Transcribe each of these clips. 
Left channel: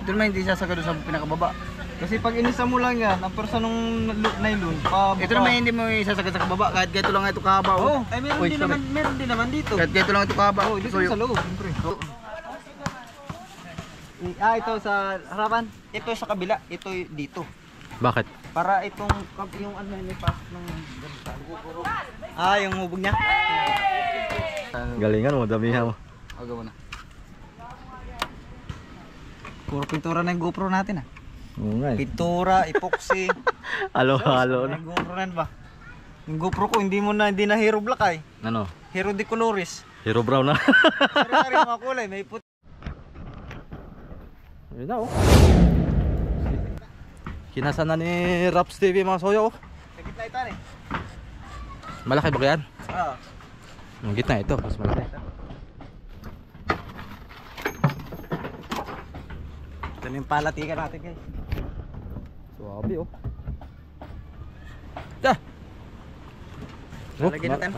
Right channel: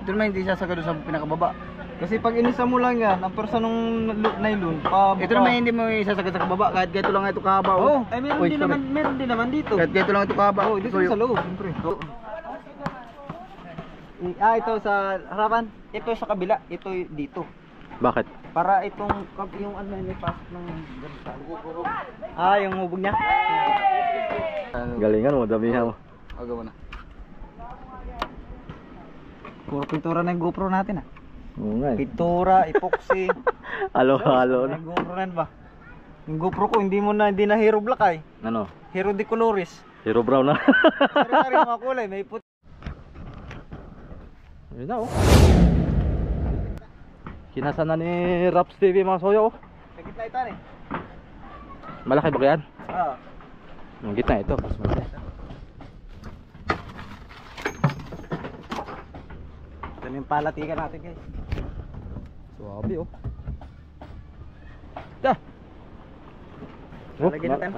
Ito naman hindi sasagad sa pinakababa. Kasi pag inisa mo lang yan, ang persa nung nylon, ito naman hindi mo isasagad sa kababa, kahit ganito lang ito kahaba. Oh, ay meron din naman dito. Kahit ganito lang ito kahaba. Oh, dito sa loob, siyempre. Ito sa harapan. Ito sa kabila, ito dito. Bakit? Para itong yung ano may pasok ng yung hubog niya. Galingan mo, damihan mo. Agaw na. Puro pintura na yung GoPro natin Oo nga eh. Pintura, epoxy. Halo-halo na. Yung GoPro na ba? Yung GoPro ko hindi na Hero Black ay. Ano? Hero de Colores. Hero brown na. Sari-sari mga kulay, may puti. Yun na oh. Kinasa na ni Raps TV mga soyo oh. Sa gitna ito rin. Malaki ba yan? Oo. Ang gitna ito, mas malaki. Ito na yung palatikan natin guys. Suwabe oh. Da! Lalagyan natin.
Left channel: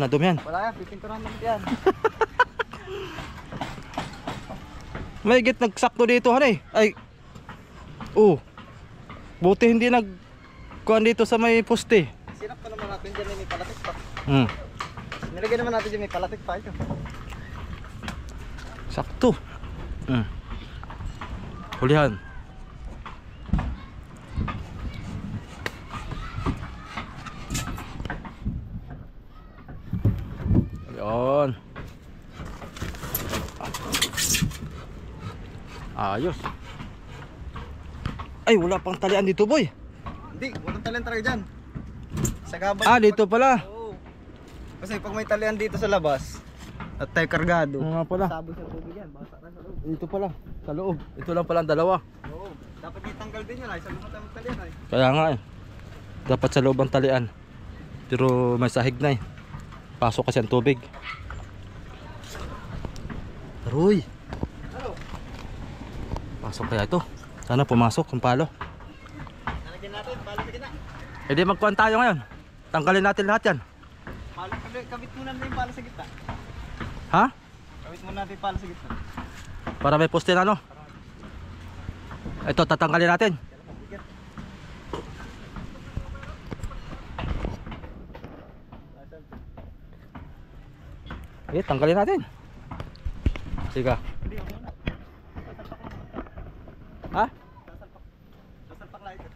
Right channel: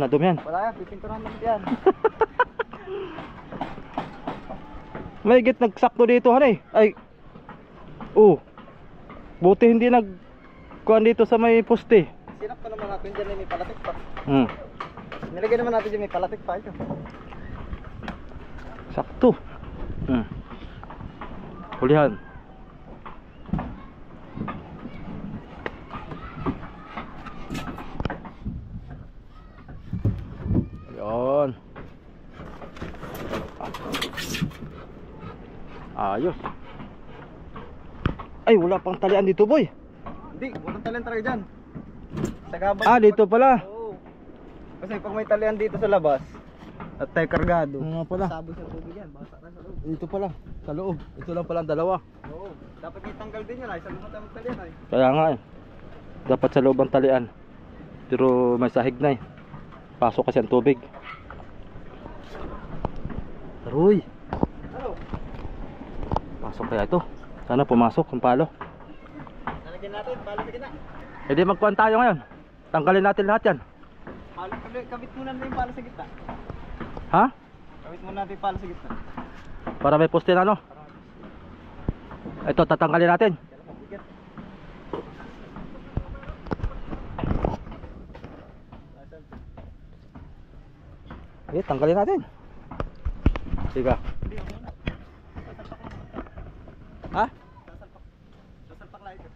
Nadumihan. Wala yan, pipinturahan naman yan. May git nagsakto dito hanay. Ay. Oh. Buti hindi nagkuhan dito sa may poste. Sinap pa naman natin dyan may palatik pa. Nilagyan naman natin dyan may palatik pa ito. Sakto. Hulihan. Ayan. Ayos. Ay, wala pang talian dito, boy. Hindi, walang talian talaga dyan. Sa gabay. Dito pala. Oo. Kasi pag may talian dito sa labas at tayo kargado, Nga pala. saboy sa tubig yan, basa na sa loob. Dito pala, sa loob. Ito lang pala ang dalawa. Oo. Dapat itanggal din yan ay, sa loob tayo magtalian ay. Kaya nga eh. Dapat sa loob ang talian. Pero may sahig na eh. Pasok kasi ang tubig. Aroy. Ano? Pasok kaya ito. Sana pumasok ang palo. Nalagyan natin, palatikin na. E di magkuhan tayo ngayon. Tanggalin natin lahat yan. Kabit muna natin yung pala sa gitna. Ha? Kabit muna natin yung pala sa gitna. Para may poste na no? Ito tatanggalin natin. Okay, tanggalin natin. Sige. Ha? Sasalpak lang ito.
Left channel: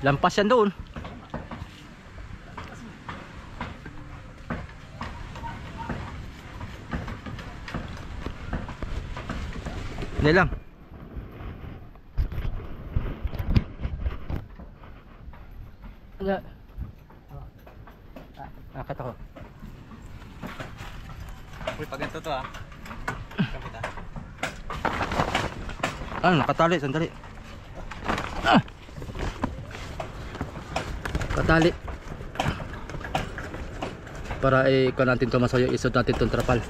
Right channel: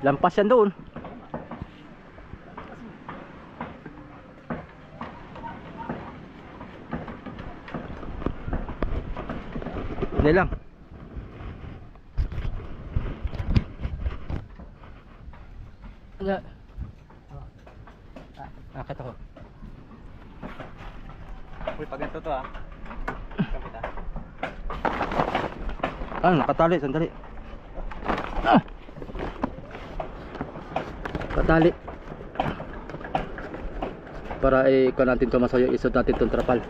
Lampas yan doon. Hindi lang. Akit ako. Uy, pag ganito to Kapit Nakatali, sandali. Katali. Para ikuha natin ito masayo, isod natin itong trapal.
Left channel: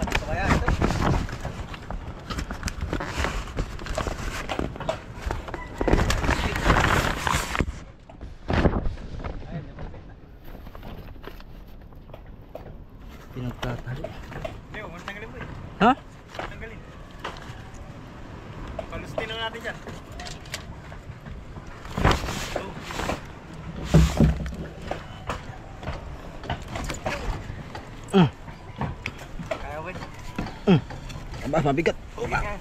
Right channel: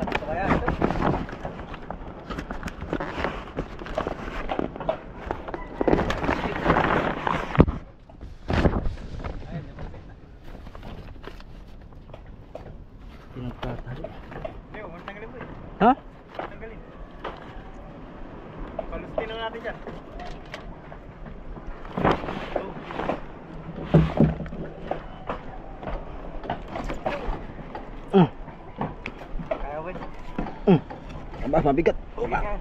Pinagtatali. Ha? Tanggalin. Palustin na natin dyan. Kaya wait. Mabigat.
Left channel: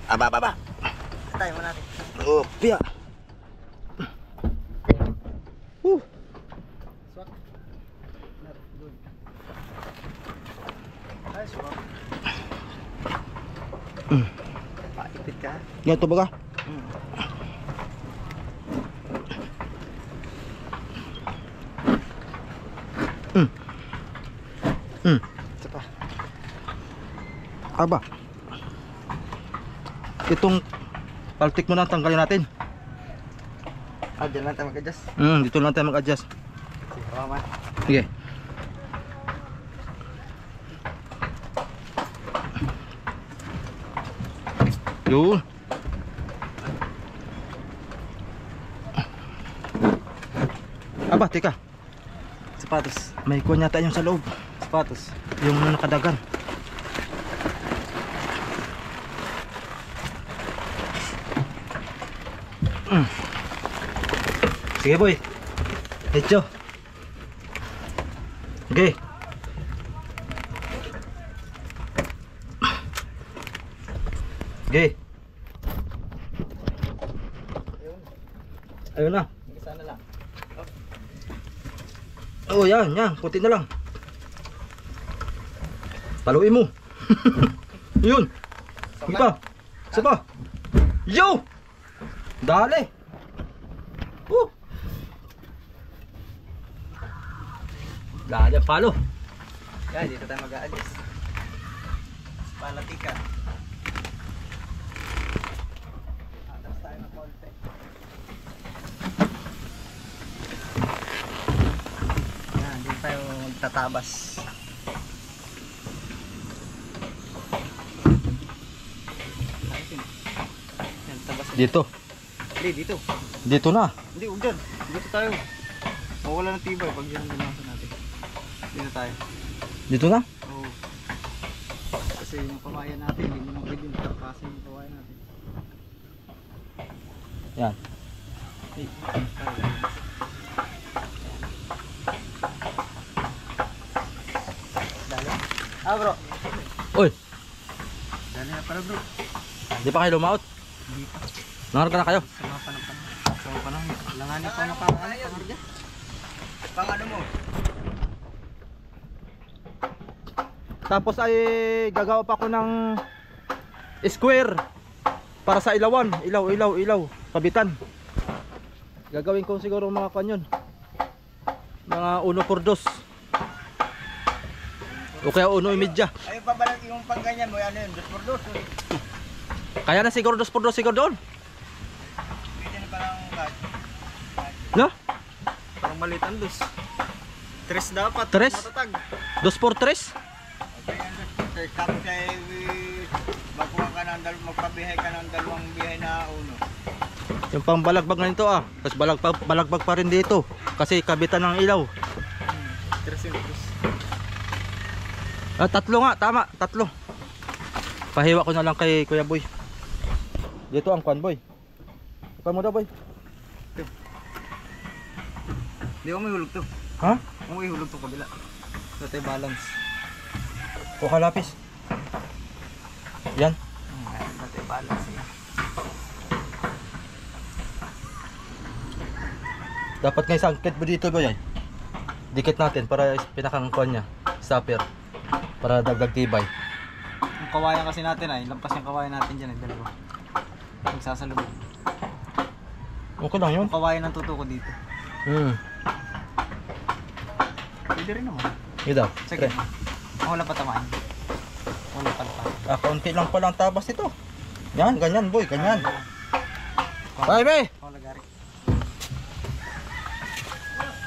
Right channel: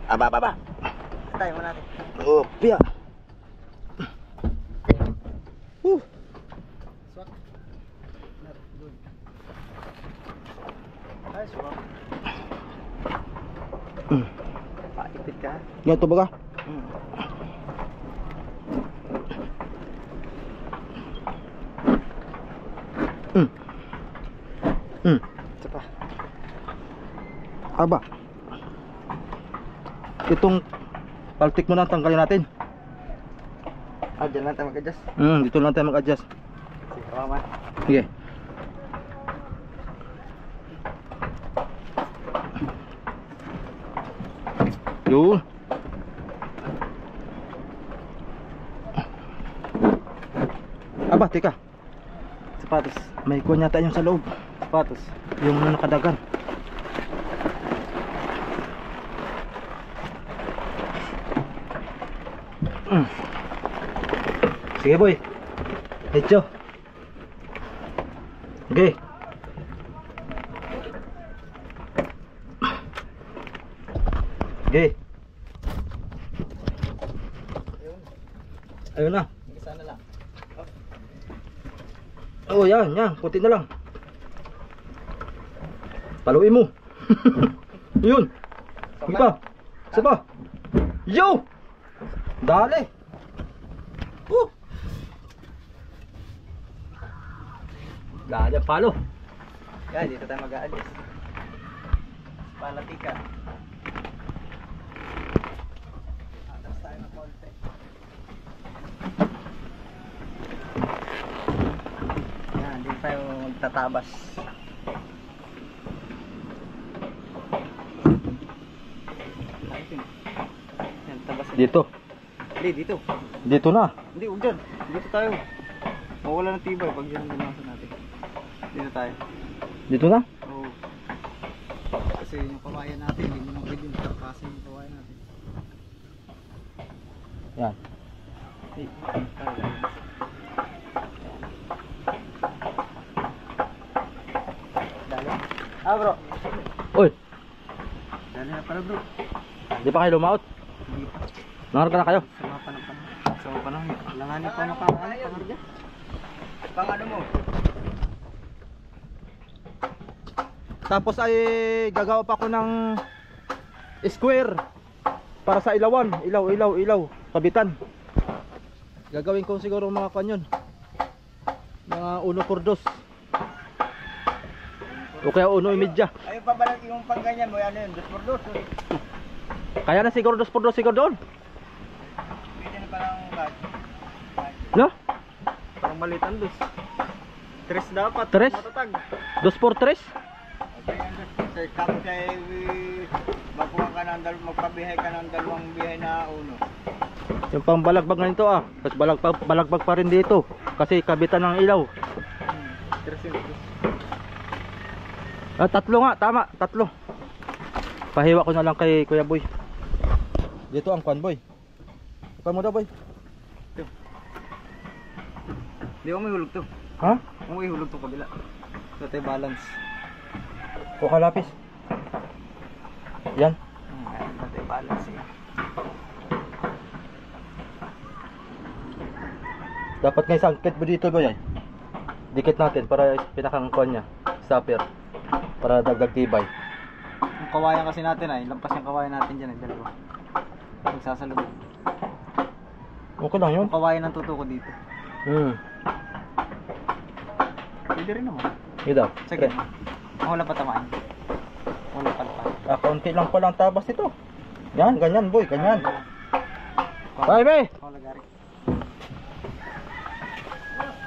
Aba. Tayo mo natin. Oh, piya. Swak. Good. Ay, swak. Paipit ka. Ganito ba ka? Isa pa. Aba. Itong paltik mo na tanggalin natin. Diyan lang tayo mag-adjust. Dito lang tayo mag-adjust. Sige, mama. Sige. Yun. Aba, teka. sapatos. May kuwan yata yung sa loob. Sapatos. Yung nakadagan. Sige boy. Hecho. Okay. Okay. Ayun na. Isa na lang. Oh, yan, yan. Puti na lang. Paluin mo. Yun. Sige pa. Isa pa. Yo! Dali. Dali, palo. Yan, dito tayo mag-aalis. Palatika. Atas tayo ng konti. Yan, dito tayo magtatabas. Yan, tabas. Dito. Hindi, dito. Dito na. Hindi, huwag dyan. Dito tayo. Mawala ng tibay pag yan ang nasa natin. Dito tayo. Dito na. Oo. Kasi yung kawayan natin, hindi mo nang pwede yung tarpasin yung kawayan natin. Yan. Dali. Ah bro. Uy, Dali na pala bro. di pa kayo lumaot? Hindi pa. Nangarap ka na kayo? Sama pa ng panahon. Sama pa ng langanin pa pangarga. Pang ano mo? Tapos ay gagawa pa ako ng square para sa ilawan. Ilaw. Kabitan. Gagawin ko siguro mga kanyon. Mga 1/4. O kaya 1/3. Ayun pa ba yung pang ganyan mo? Ano yun? 2x2? Kaya na siguro 2x2 siguro doon. Pwede na parang kat. No? Parang maliit ang dos. 3 dapat. Tres? Matatag. 2x3? Okay, ang 2x2. Tapos ay magkuha ka ng magpabihay ka ng dalawang bihay na uno. Yung pang balagbag na nito ah. Tapos balagbag pa rin dito. Kasi kabitan ng ilaw. 3 Ah, 3 nga, tama, 3. Pahiwa ko na lang kay Kuya Boy. Dito ang kwan boy. Ipan mo daw boy. Hindi ko may hulog to. Ha? Kung may hulog to kabila. So tayo balance. Kuha lapis. Yan. So tayo balance yan. Dapat nga isang kit mo dito boy ay. Dikit natin para pinakang kwan niya. Stopper. Para dagdag tibay. Yung kawayan kasi natin ay, lampas yung kawayan natin dyan ay dalawa. Magsasalubog. Okay lang yun. Yung kawayan ang tutuko dito. Pwede rin naman. Yun daw. Sige. Wala pa tamaan. Wala pa lapan. Kaunti lang palang tabas nito. Yan, ganyan boy, ganyan. Bye bye. Wala gari.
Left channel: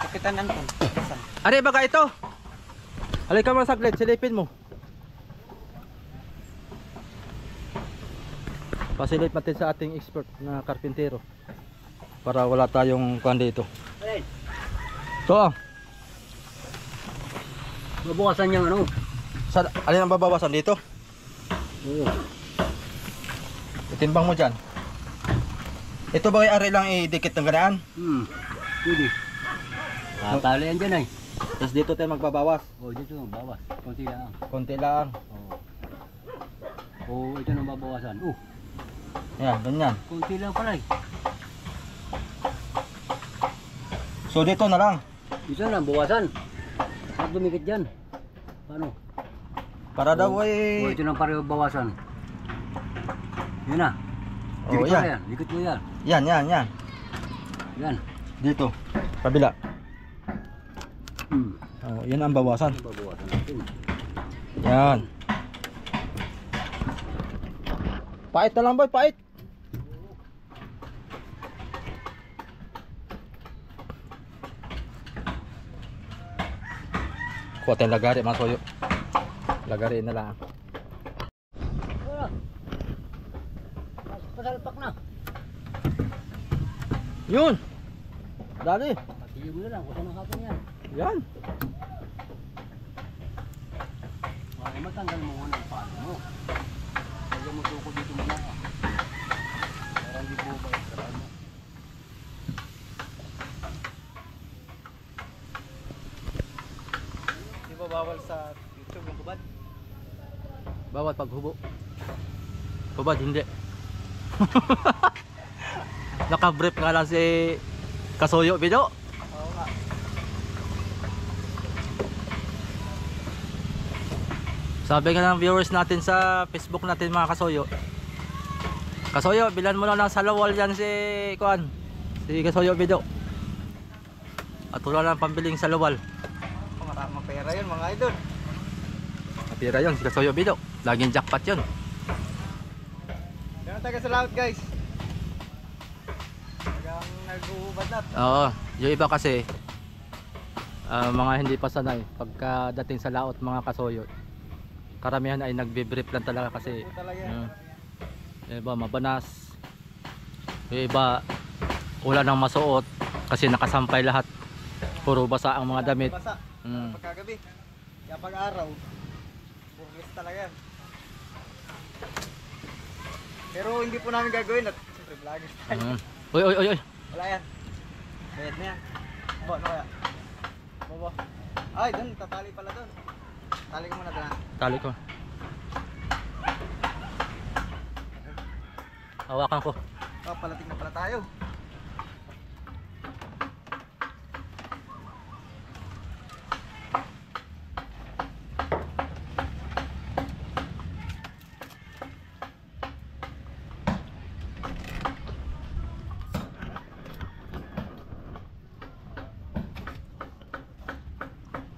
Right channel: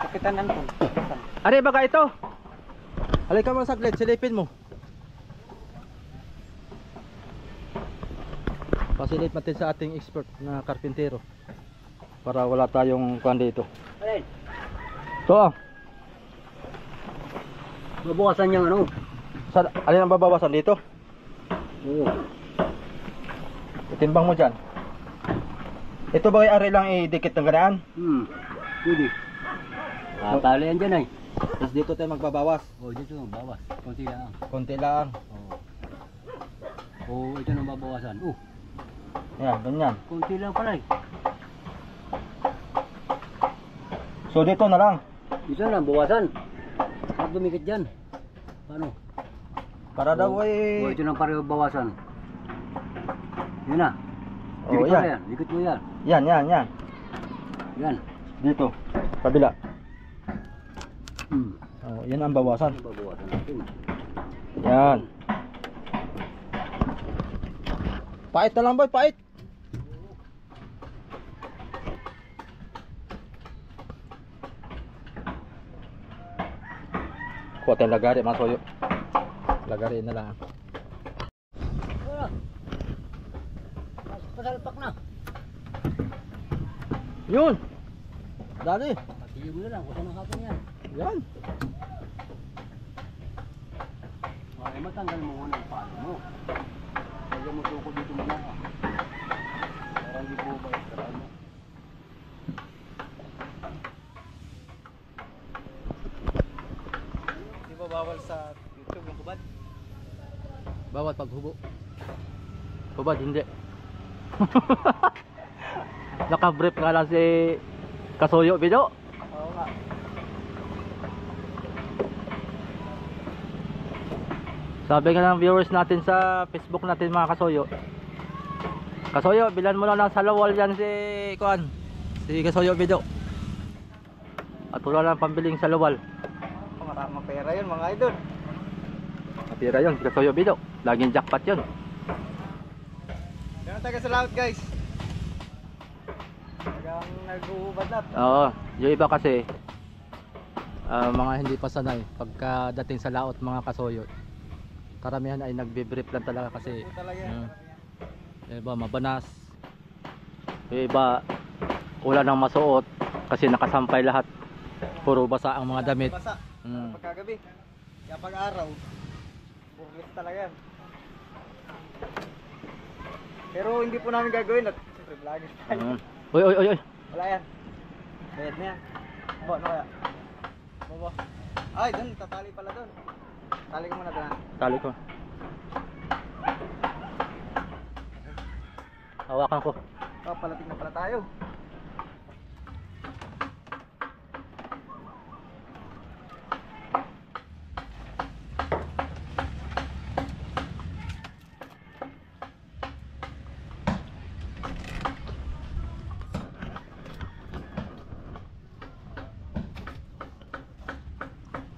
Kapitan Anton. Saan? Ano ba ka ito? Halika mo saglit, silipin mo. Pasilip natin sa ating expert na karpintero. Para wala tayong kuhan dito. So, Babawasan yung ano? alin ang babawasan dito? Oo. Itimbang mo dyan. Ito ba ay ari lang idikit ng ganaan? Pwede. Tali yan dyan ay. Tapos dito tayo magbabawas. Dito bawas. Konti lang. Konti lang. Ito nang babawasan. Yan, ganyan. Konti lang pala eh. So dito na lang. Ito na, bawasan. At dumikit dyan. Paano? Para daw ay... Ito nang pareho bawasan. Yun na. Oh, yan. Dikit mo yan. Yan. Yan. Dito. Kabila. Oh, yan ang bawasan. Babawasan natin. Yan. Pait na lang boy, pait. Kuha tayong lagari mga soyo. Lagari na lang. Pasalpak na. Yun. Dali. Patiyog na lang. Kung saan ang hapon yan. Yan. Ay, matanggal mo muna ang palo mo. Huwag mo suko dito muna. Para hindi po ba ikaraan mo. Di ba bawal sa YouTube yung kubad? Bawat paghubo. Hubad, hindi. Naka-brief nga lang si Kasuyo video. Oo nga. Sabi nga ng viewers natin sa Facebook natin mga Kasuyo. Kasuyo, bilan mo lang ng salawal yan si Kuan. Si Kasuyo video. At wala lang pambiling salawal. Maraming pera yun mga idol. Matira yun si Kasuyo video. Laging jackpot yun. Ganun tayo sa laut guys. Hanggang nag-uubad na. Oo, yung iba kasi mga hindi pa sanay pagkadating sa laot mga Kasuyo. Karamihan ay nagbe-brief lang talaga kasi Po talaga yan. yung iba mabanas, yung iba wala nang masuot kasi nakasampay lahat, puro basa ang mga damit. Basa. Pagkagabi. Kaya pag araw, burlis talaga yan. Pero hindi po namin gagawin at siyempre vlogger tayo. Uy, uy, uy, uy. Wala yan. Bayad na yan. Bo, ano kaya? Bo. Ay, doon, tatali pala doon. Tali ko muna doon. Tali ko. Hawakan ko. Oh, palating na pala tayo.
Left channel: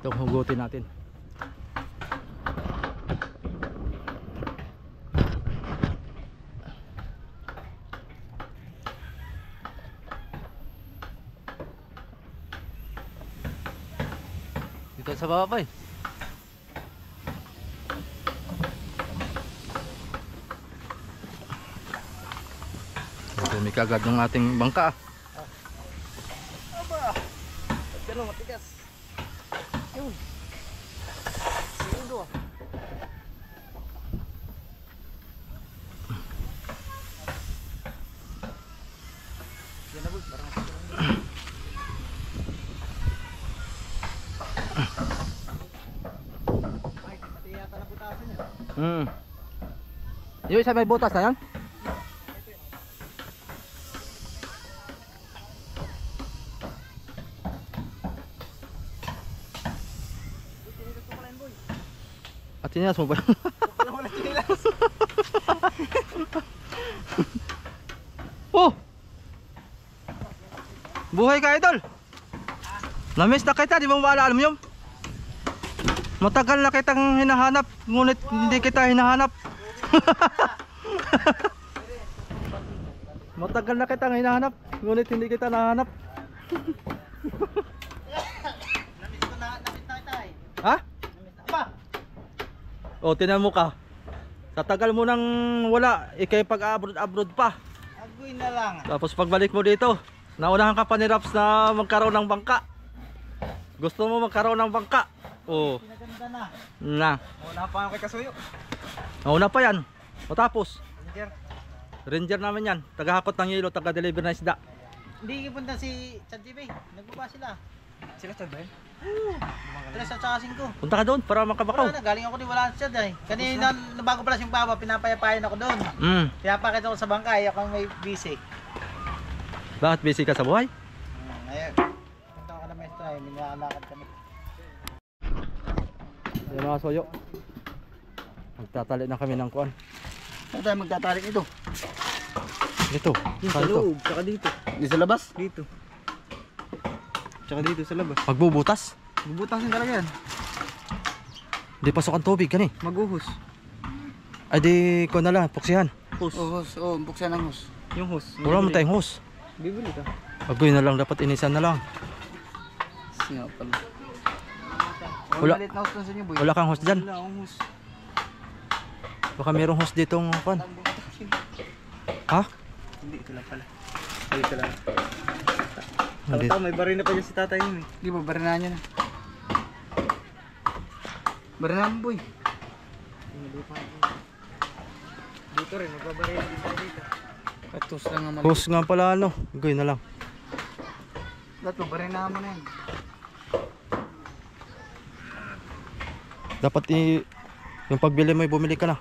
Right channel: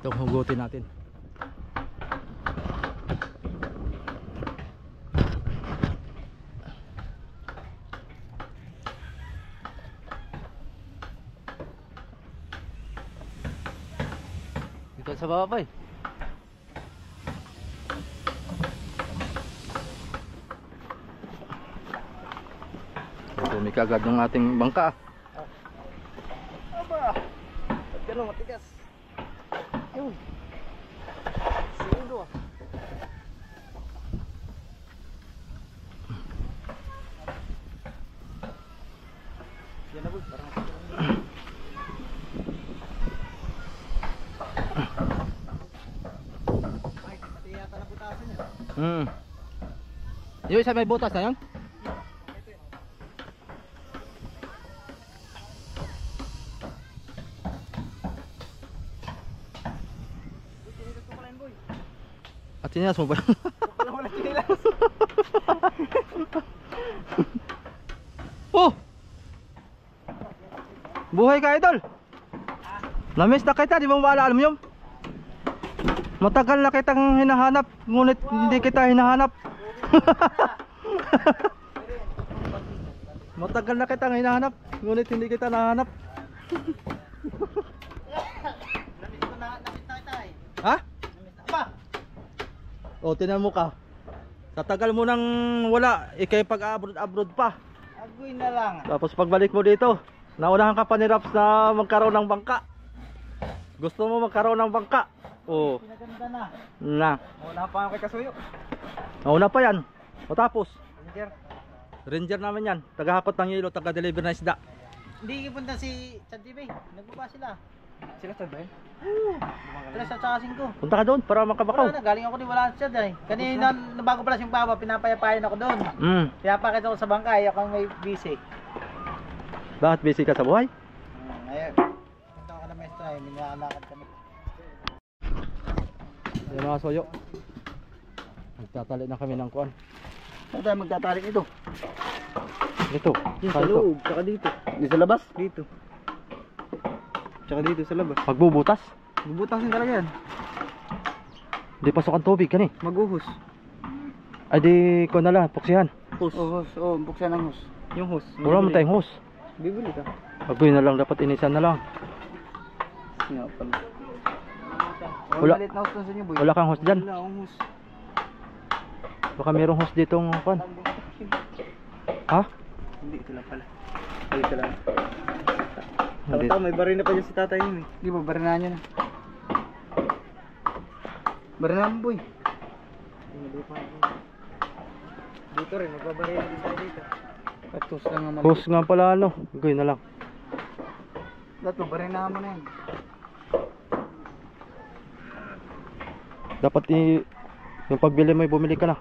Itong hugutin natin. Dito sa baba pa eh. Tumik agad ng ating bangka. Aba! Ba't gano'n matigas? Yun. Segundo ah. Yan na boy, parang ay, pati yata na butasan yan. Yung isa may butas na yan? Tinigas ko pala yun boy. At tinilas mo ba? Wala wala tinilas. Oh! Buhay ka idol! Namiss na kita, di mo maalala mo yun? Matagal na kitang hinahanap, ngunit hindi kita hinahanap. Matagal na kitang hinahanap, ngunit hindi kita nahanap. Namiss ko na, namiss na kita eh. Ha? Namiss na. Aba! O, tinan mo ka. Sa tagal mo nang wala, ikay pag-abroad pa. Agoy na lang. Tapos pagbalik mo dito, naunahan ka pa ni Raps na magkaroon ng bangka. Gusto mo magkaroon ng bangka? Oo. Pinaganda na. Na. Wala pa ako kay Kasuyo. Nauna pa yan. O tapos, Ranger. ranger namin yan. Tagahakot ng yelo, taga-deliver ng isda. Hindi ipunta si Chad TV. Nagbaba sila. Sila Chad ba yun? Sila sa tsaka 5. Punta ka doon para makabakaw. Wala na, galing ako di wala si Chad eh. Kanina, nabago pala siyang baba, pinapayapayan ako doon. Kaya pakita ko sa bangka, ako may busy. Bakit busy ka sa buhay? Ayun. Punta ka na maestra eh, minalakad kami. Yan mga soyo. Magtatali na kami ng kuan. Saan tayo magtatarik ito? Dito. Sa Saan to? loob, tsaka dito. Di sa labas? Dito. Tsaka dito sa labas. Magbubutas. Bubutasin talaga yan. Di pasok ang tubig kani. Maguhos. Ay di ko na lang, puksihan. Hose. Oh, hose. Oh, buksan ang hose. Yung hose. Wala mo tayong hose. Bibili ka. Agoy na lang, dapat inisan na lang. Nga pala. Wala. Malit na hose lang sa inyo boy. Wala kang hose dyan. Wala akong hose. Baka mayroong hose ditong kuan. Ha? Hindi, ito lang pala. Ito lang. Hindi. Tama, may baril na pa dyan si tatay yun eh. Di ba, baril na niya na. Baranam boy. Dito rin, magbabaril din tayo dito. Katus lang naman. Hose nga pala ano. Gawin na lang. Dato, baranam mo na yan. Dapat yung pagbili mo, bumili ka na.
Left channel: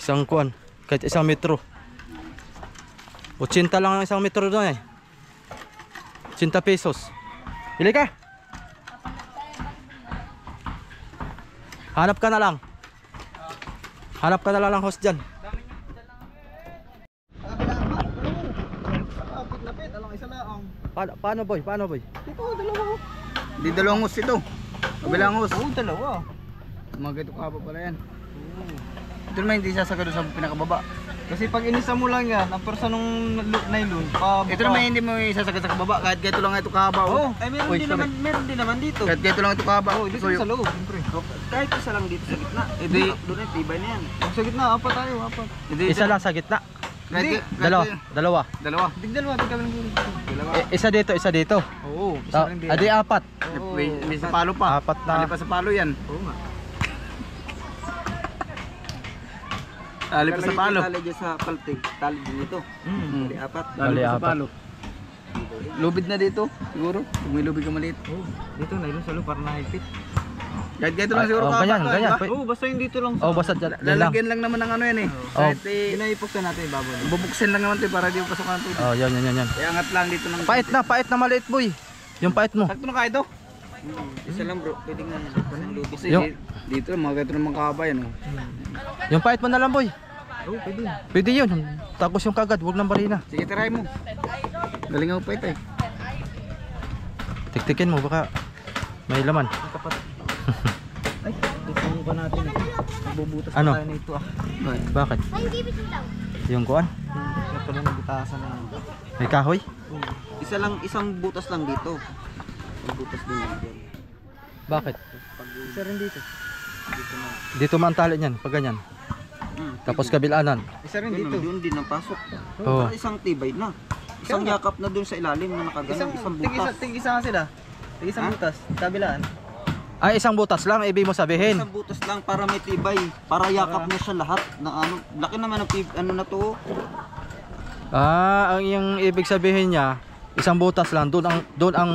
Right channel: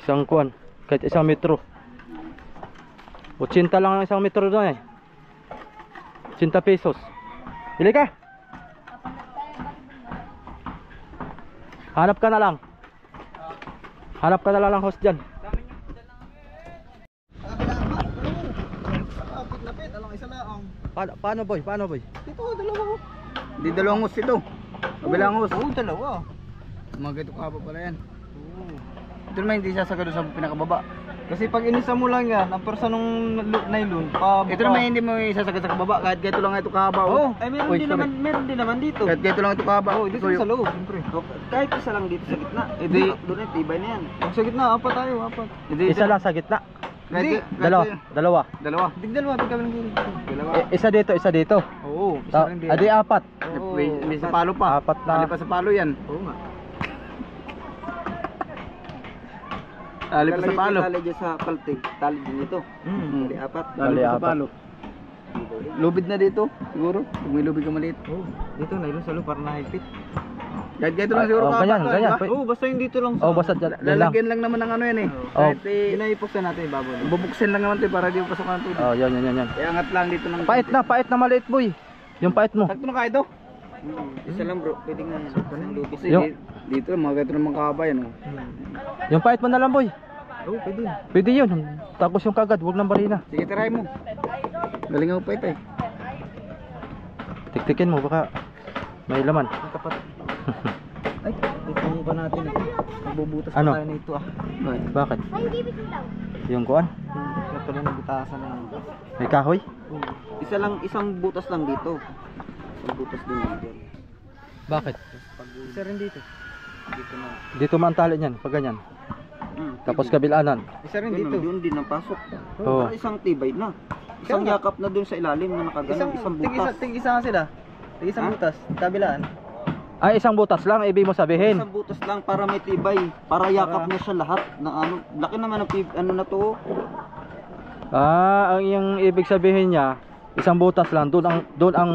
Isang kuan. Kahit 1 metro. 80 lang ang 1 metro doon eh. 80 pesos. Bili ka. Hanap ka na lang. Hanap ka na lang ng host dyan. Lapit, alang isa lang. Paano boy? Paano boy? Dito, dalawa ko. Di dalawang hus ito. Kabilang hus. Oo, dalawa. Mga ito ka pa pala yan. Ito naman hindi sasagado sa pinakababa. Kasi pag inisa mo lang yan, ang persa nung nylon, Ito naman hindi mo isasagad sa kababa. Kahit ganito lang ito kahaba. Oo, ay Uy, sorry. meron din naman dito. Kahit ganito lang ito kahaba. Oo, dito sa loob, siyempre. Kahit isa lang dito sa gitna. Doon ay tibay na yan. Sa gitna, apat tayo, apat. Isa lang sa gitna. Dalawa. Dalawa. Tigdalawa, tigdalawa ng gulo. Dalawa. Isa dito, isa dito. Oo, isa rin din. Adi 4. Oo, May sa palo pa. Apat na. Ali pa sa palo yan. Oo nga. Ali pa sa palo. Tali dyan sa paltig, tali din ito. Tali apat. Bali, Ali pa sa apat. palo. Lubid na dito, siguro. Kung may lubid ka maliit. Oo, dito nylon sa loob para nahigpit. Kahit ganito lang siguro Oh, kahaba ganyan, to, ganyan. di ba? Oo, basta yung dito lang Oh, basta dyan lang. Lalagyan lang naman ng ano yan eh. Kahit Pinaipok na natin yung baboy. bubuksin lang naman ito para di mo pasok ng tubig. Oh, yan. Iangat lang dito ng Pait na maliit boy. Yung pait mo. Sakto na kaya ito. Isa lang bro, pwede nga yan. Lubis. Kasi Yung- dito mga ganito naman kahaba yan oh. Yung pait mo na lang boy. Oo, pwede. Pwede yun. Tapos yung kagad, huwag nang barina. Sige, try mo. Galing ako pa ito eh. Tiktikin mo, baka may laman. Ay, dito pa natin eh. Magbubutas Ano? pa tayo nito ah. Bakit? Yung kuan? Ito lang nagbutasan na. May kahoy? Isang butas lang dito. Isang butas din dito. Bakit? Isa rin dito. Dito na. Dito man tali niyan, pag ganyan. Tapos kabilanan. Isa rin dito. Doon din ang pasok. Oo. Para isang tibay na. Isang yakap na doon sa ilalim na nakaganon, isang butas. Tig-isa nga sila. Tig-isang butas. Kabilaan. Ay, isang butas lang, ibig mo sabihin. Isang butas lang para may tibay. Para yakap niya siya lahat ng ano. Laki naman ang ano na to. Ang yung ibig sabihin niya, isang butas lang, doon ang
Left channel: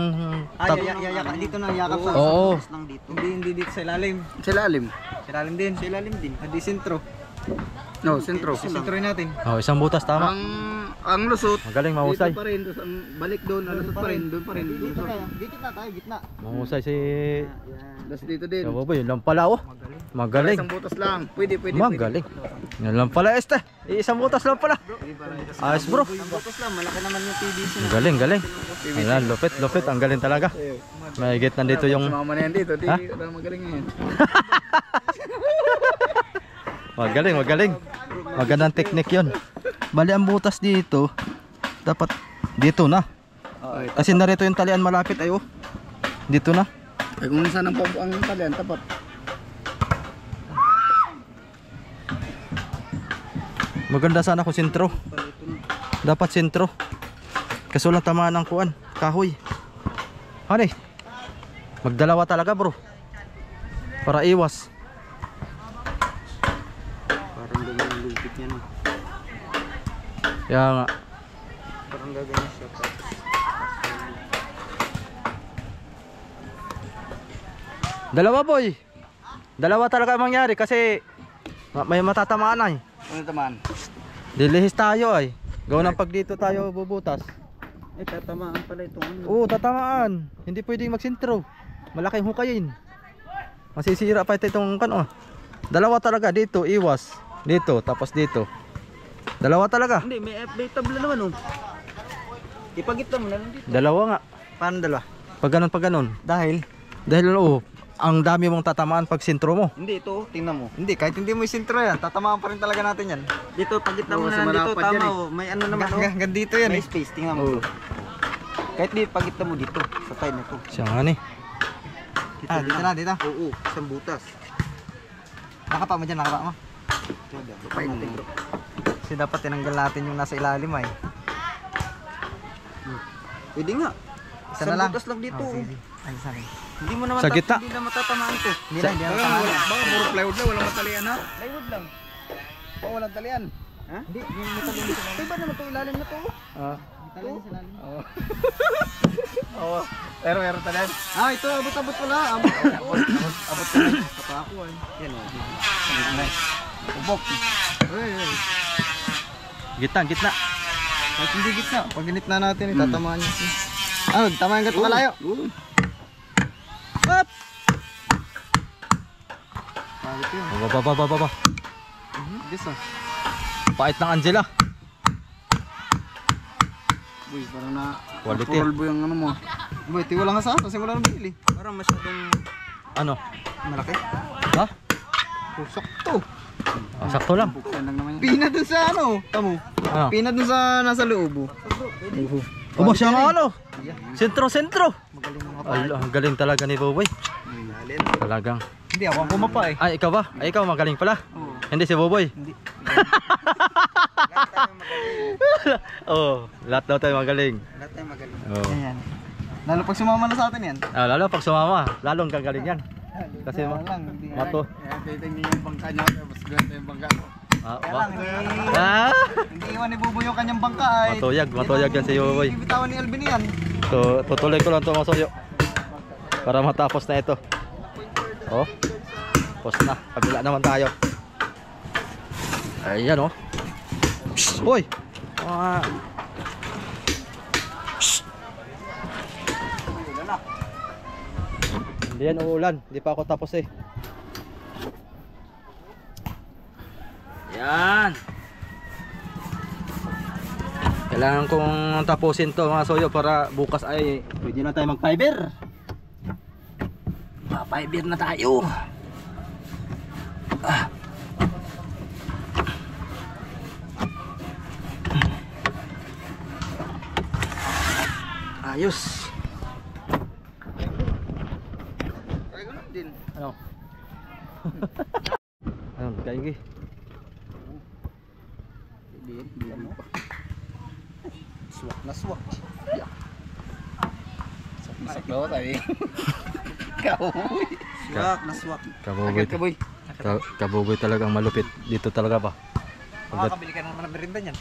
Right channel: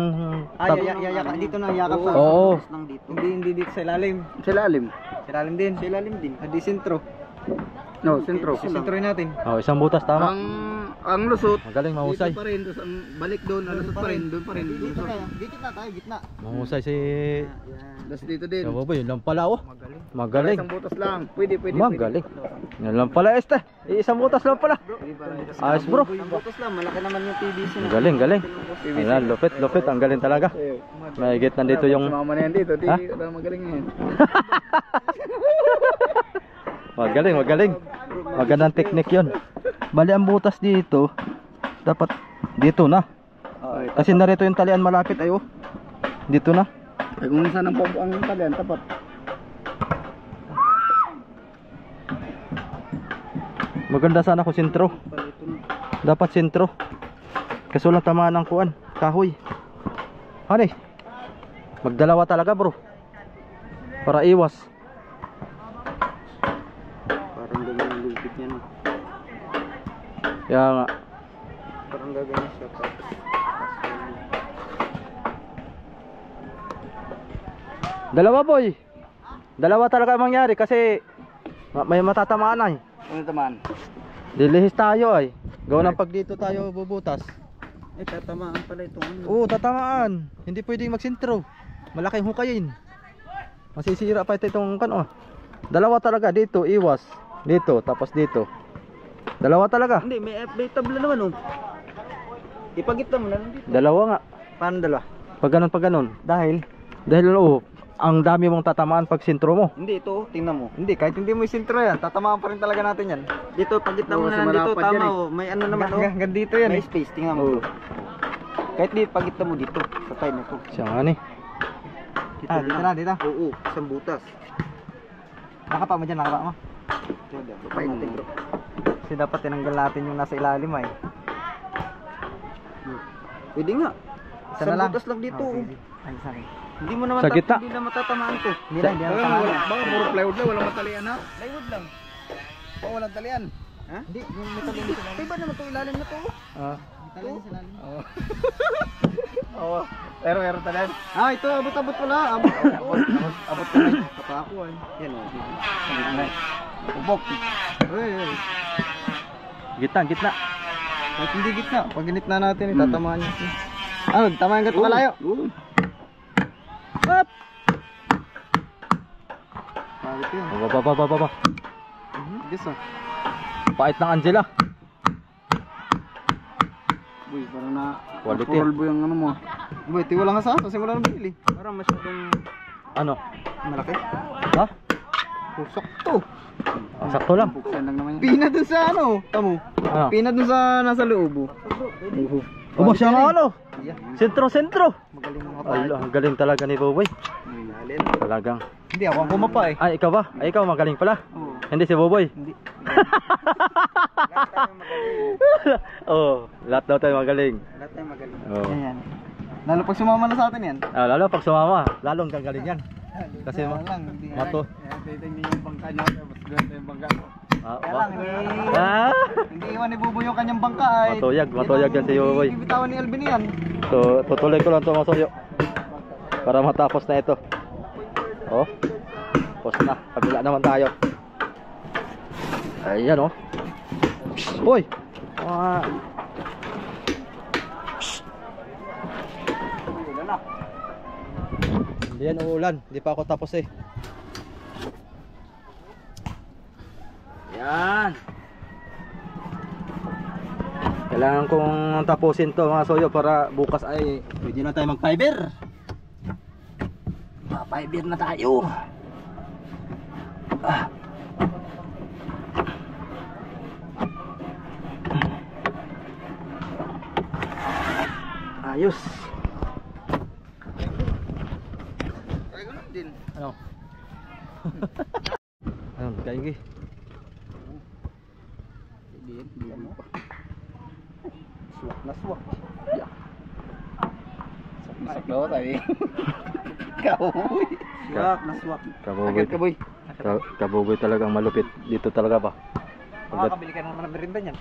Dito na yakap sa. Oo. Butas lang dito. Hindi dito sa ilalim. Sa lalim. Sa ilalim din. Sa ilalim din. Hindi sentro. No, sentro. Sentroin natin. Oh, isang butas tama. Ang lusot. Magaling, mahusay. Dito pa rin, tapos ang balik doon, ang lusot pa rin, doon pa rin. Dito Lusot. tayo. Dito na tayo, gitna. Mahusay si Tapos dito din. Kaboboy, yun lang pala oh. Para Magaling. isang butas lang. Pwede. Magaling. Yun lang pala este. Isang butas lang pala. Ayos bro. Ang butas lang, malaki naman yung PVC na. Galing. Ayan, lupit. Ang galing talaga. May git nandito yung Sumama na yan dito. Di, Ha? magaling yan. Magaling. Magandang teknik yun. Bali ang butas dito, dapat dito na. Kasi narito yung talian malapit ayo. Dito na. Ay kung saan ang talian, tapat. Maganda sana kung sentro. Dapat sentro. Kaso lang tamaan ng kuan, kahoy. Ano eh? Magdalawa talaga bro. Para iwas. Parang ganyan ang lupit niya no. Kaya nga. Parang gaganyan siya. Dalawa boy. Dalawa talaga ang mangyari kasi may matatamaan ay. Ano taman? Dilihis tayo ay. Gawa ng pag dito tayo bubutas. Tatamaan pala itong ano. Oo, tatamaan. Hindi pwedeng magsintro. Malaking hukayin. Masisira pa itong kan oh. Dalawa talaga dito, iwas. Dito, tapos dito. Dalawa talaga. Hindi, may tabla naman oh. Ipagita mo na lang dito. Dalawa nga. Paano dalawa? Pag ganun. Dahil? Dahil ang dami mong tatamaan pag sintro mo. Hindi, ito, tingnan mo. Hindi, kahit hindi mo yung sentro yan, tatamaan pa rin talaga natin yan. Dito, pagitna mo Oo, na sa lang dito, malapad yan tama eh. oh. May ano naman oh. Hanggang dito yan May eh. space, tingnan mo. Kahit di pagitna mo dito, sa side na to. Siya nga ni. Dito na, dito. Oo, isang butas. Nakapa mo dyan, nakapa mo. Kapay natin bro. Kasi dapat tinanggal natin yung nasa ilalim ay. Pwede nga. Isa Isang na lang. butas lang dito. Oh, sige. Ay, isa rin. Hindi mo naman Sa gitna. hindi na matatamaan to. Hindi na matamaan. Baka puro plywood lang, walang matalian ha? Plywood lang. Baka walang talian. Ha? Hindi, yung matalian sa ilalim. Iba naman to, ilalim na to. Ah. Matalian sa ilalim. Oo. Oo. Pero meron talian. Ah, ito abot-abot pala. Abot ka na. Kapako ay. Yan o. Ubok. Gitna, gitna. Kahit hindi gitna. Pag ginitna natin, itatamaan niya. Ah, tama yung gato kalayo. Up! Pagit yun. Baba. Gusto. Pait ng Angela. Boy, parang na Quality. purolbo yung ano mo. Boy, tiwala nga sa kasi wala nang bili. Parang masyadong Ano? malaki. Ha? Pusok to. Ah, sakto lang. Buksan lang naman yan. Pina dun sa ano? Tamo. Ano? Pina dun sa nasa loob. Aba siya nga ano? Sentro. Magaling mga Ala, ang galing talaga ni Boboy. Galing. Talagang. Hindi ako ang kumapa eh. Ay, ikaw ba? Ay, ikaw magaling pala. Oo. Hindi si Boboy. Hindi. Oh, lahat daw tayo magaling. Lahat tayo magaling. Oh. Yan. Lalo pag sumama na sa atin yan. Ah, lalo pag sumama, lalong gagaling yan. Kasi Kaya lang, hindi. mato. Kaya titignan niyo yung bangka niya. Tapos ganito yung bangka ko. Ah, Kaya ba? lang, hindi. Ah! Hindi iwan ni Buboy yung kanyang bangka ay. Matuyag yan si Buboy. Hindi bitawan ni Alvin yan. So, tutuloy ko lang ito mga soyo. Para matapos na ito. Oh. Tapos na. Kabila naman tayo. Ayan oh. Psst, uy! Ah. Psst. Hindi yan uulan. Hindi pa ako tapos eh. Yan. Kailangan kong tapusin to mga soyo para bukas ay pwede na tayo mag-fiber. Ma-fiber na tayo. Ah. Ayos. Kaya ganun din. Ano? Ayun, kaigi. Hindi pa. Swak na swak. Masak daw tayo. Kaboy. Swak na swak. Kaboboy. Agad kaboy. Kaboboy talagang malupit. Dito talaga pa. Makakabili ka naman ng merinda niyan.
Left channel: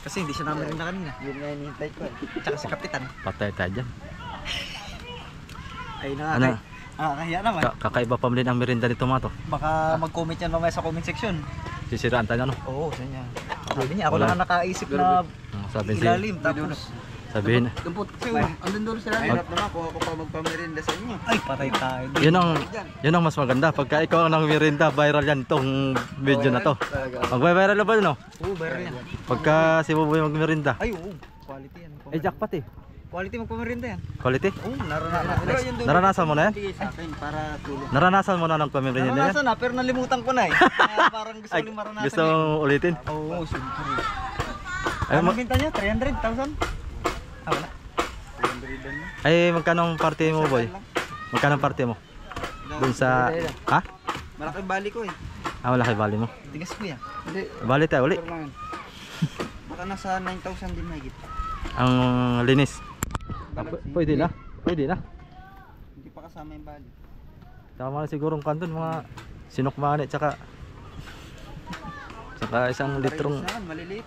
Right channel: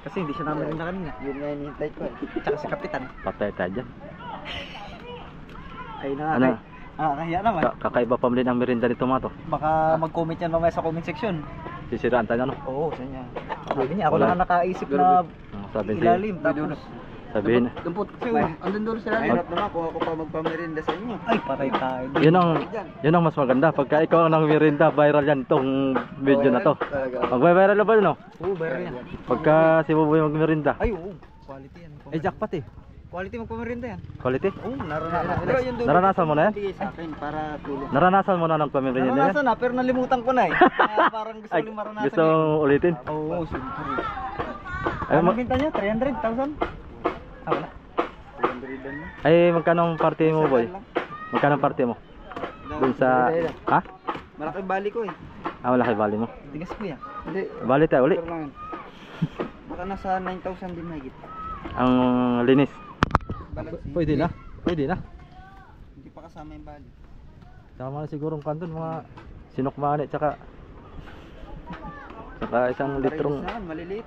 Kasi hindi siya namin na kanina. Yun nga hinihintay ko eh. Tsaka si Kapitan. Patay tayo dyan. Ay Ano? nakakahiya naman. Kakaiba pa rin ang merinda nito mga to. Baka mag-comment yan mamaya sa comment section. Sisiraan tayo ano? Oo, sa niya. Sabi niya, ako Wala. lang ang nakaisip na Sabi siya. ilalim. Tapos, Sabihin. Dumpot. Andun doon sila. mahirap naman kung ako pa magpamerinda sa inyo. Ay, patay tayo. Yun ang mas maganda. Pagka ikaw ang nang merinda, viral yan tong video na to. Mag-viral na ba yun? No? Oo, viral yan. Pagka si Boboy magmerinda. Ay, oo. Quality yan. Eh, jackpot eh. Quality magpamerinda yan. Quality. Oo, naranasan. Naranasan mo na yan? Sa akin para tulong. Naranasan mo na ng pamimigay yan? Naranasan na, pero nalimutan ko na eh. Kaya parang gusto Ay, ulit maranasan. gusto mong ulitin? Oo, siyempre. Ay, Ano binta niya? 300,000? Ah, wala. Ay, magkano ang party mo, boy? Magkano ang party mo? Dun sa... Ha? Malaki bali ko eh. Ah, malaki bali mo. Tigas ko yan. Hindi. Bali tayo uli. Baka nasa 9,000 din mahigit. Ang linis. Balance. Pwede na. Pwede na. Hindi pa kasama yung bali. Tama na siguro ang kanton, mga sinukmani, tsaka isang litrong... Parehas naman, maliliit.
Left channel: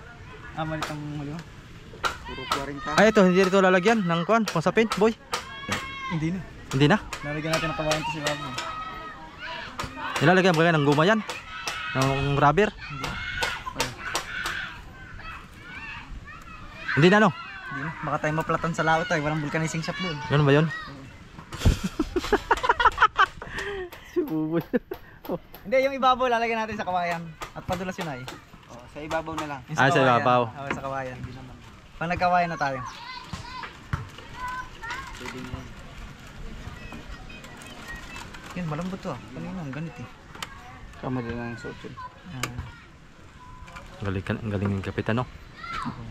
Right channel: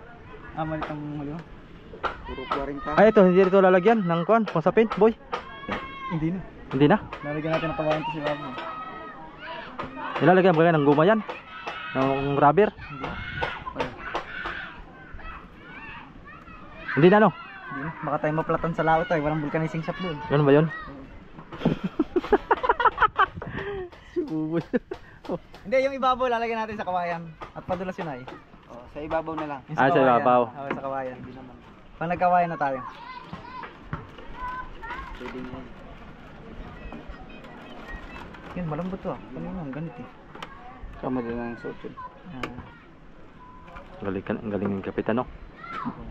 Ah, maliit ang huli mo. Puro 40. Ay, ito, hindi ito lalagyan ng kuwan, pasapin, boy. Hindi na. Hindi na. Nalagyan natin ng kawayan to si Babo. Nilalagyan ba yan ng guma yan? Ng rubber? Hindi na, no? Hindi na. Baka tayo maplatan sa laot ay walang vulcanizing shop doon. Ganun ba yun? Si Buboy. Hindi, yung ibabaw lalagyan natin sa kawayan. At padulas yun ay. Oh, sa ibabaw na lang. Yung Ah, sa kawayan. ibabaw. Oo, sa kawayan. Hindi naman. Pag nagkawayan na tayo. Pwede nga yan. Yan, malambot to ah. Kanina, ang ganit eh. Kamali lang ang suot yun. Ang galing ng kapitan, no?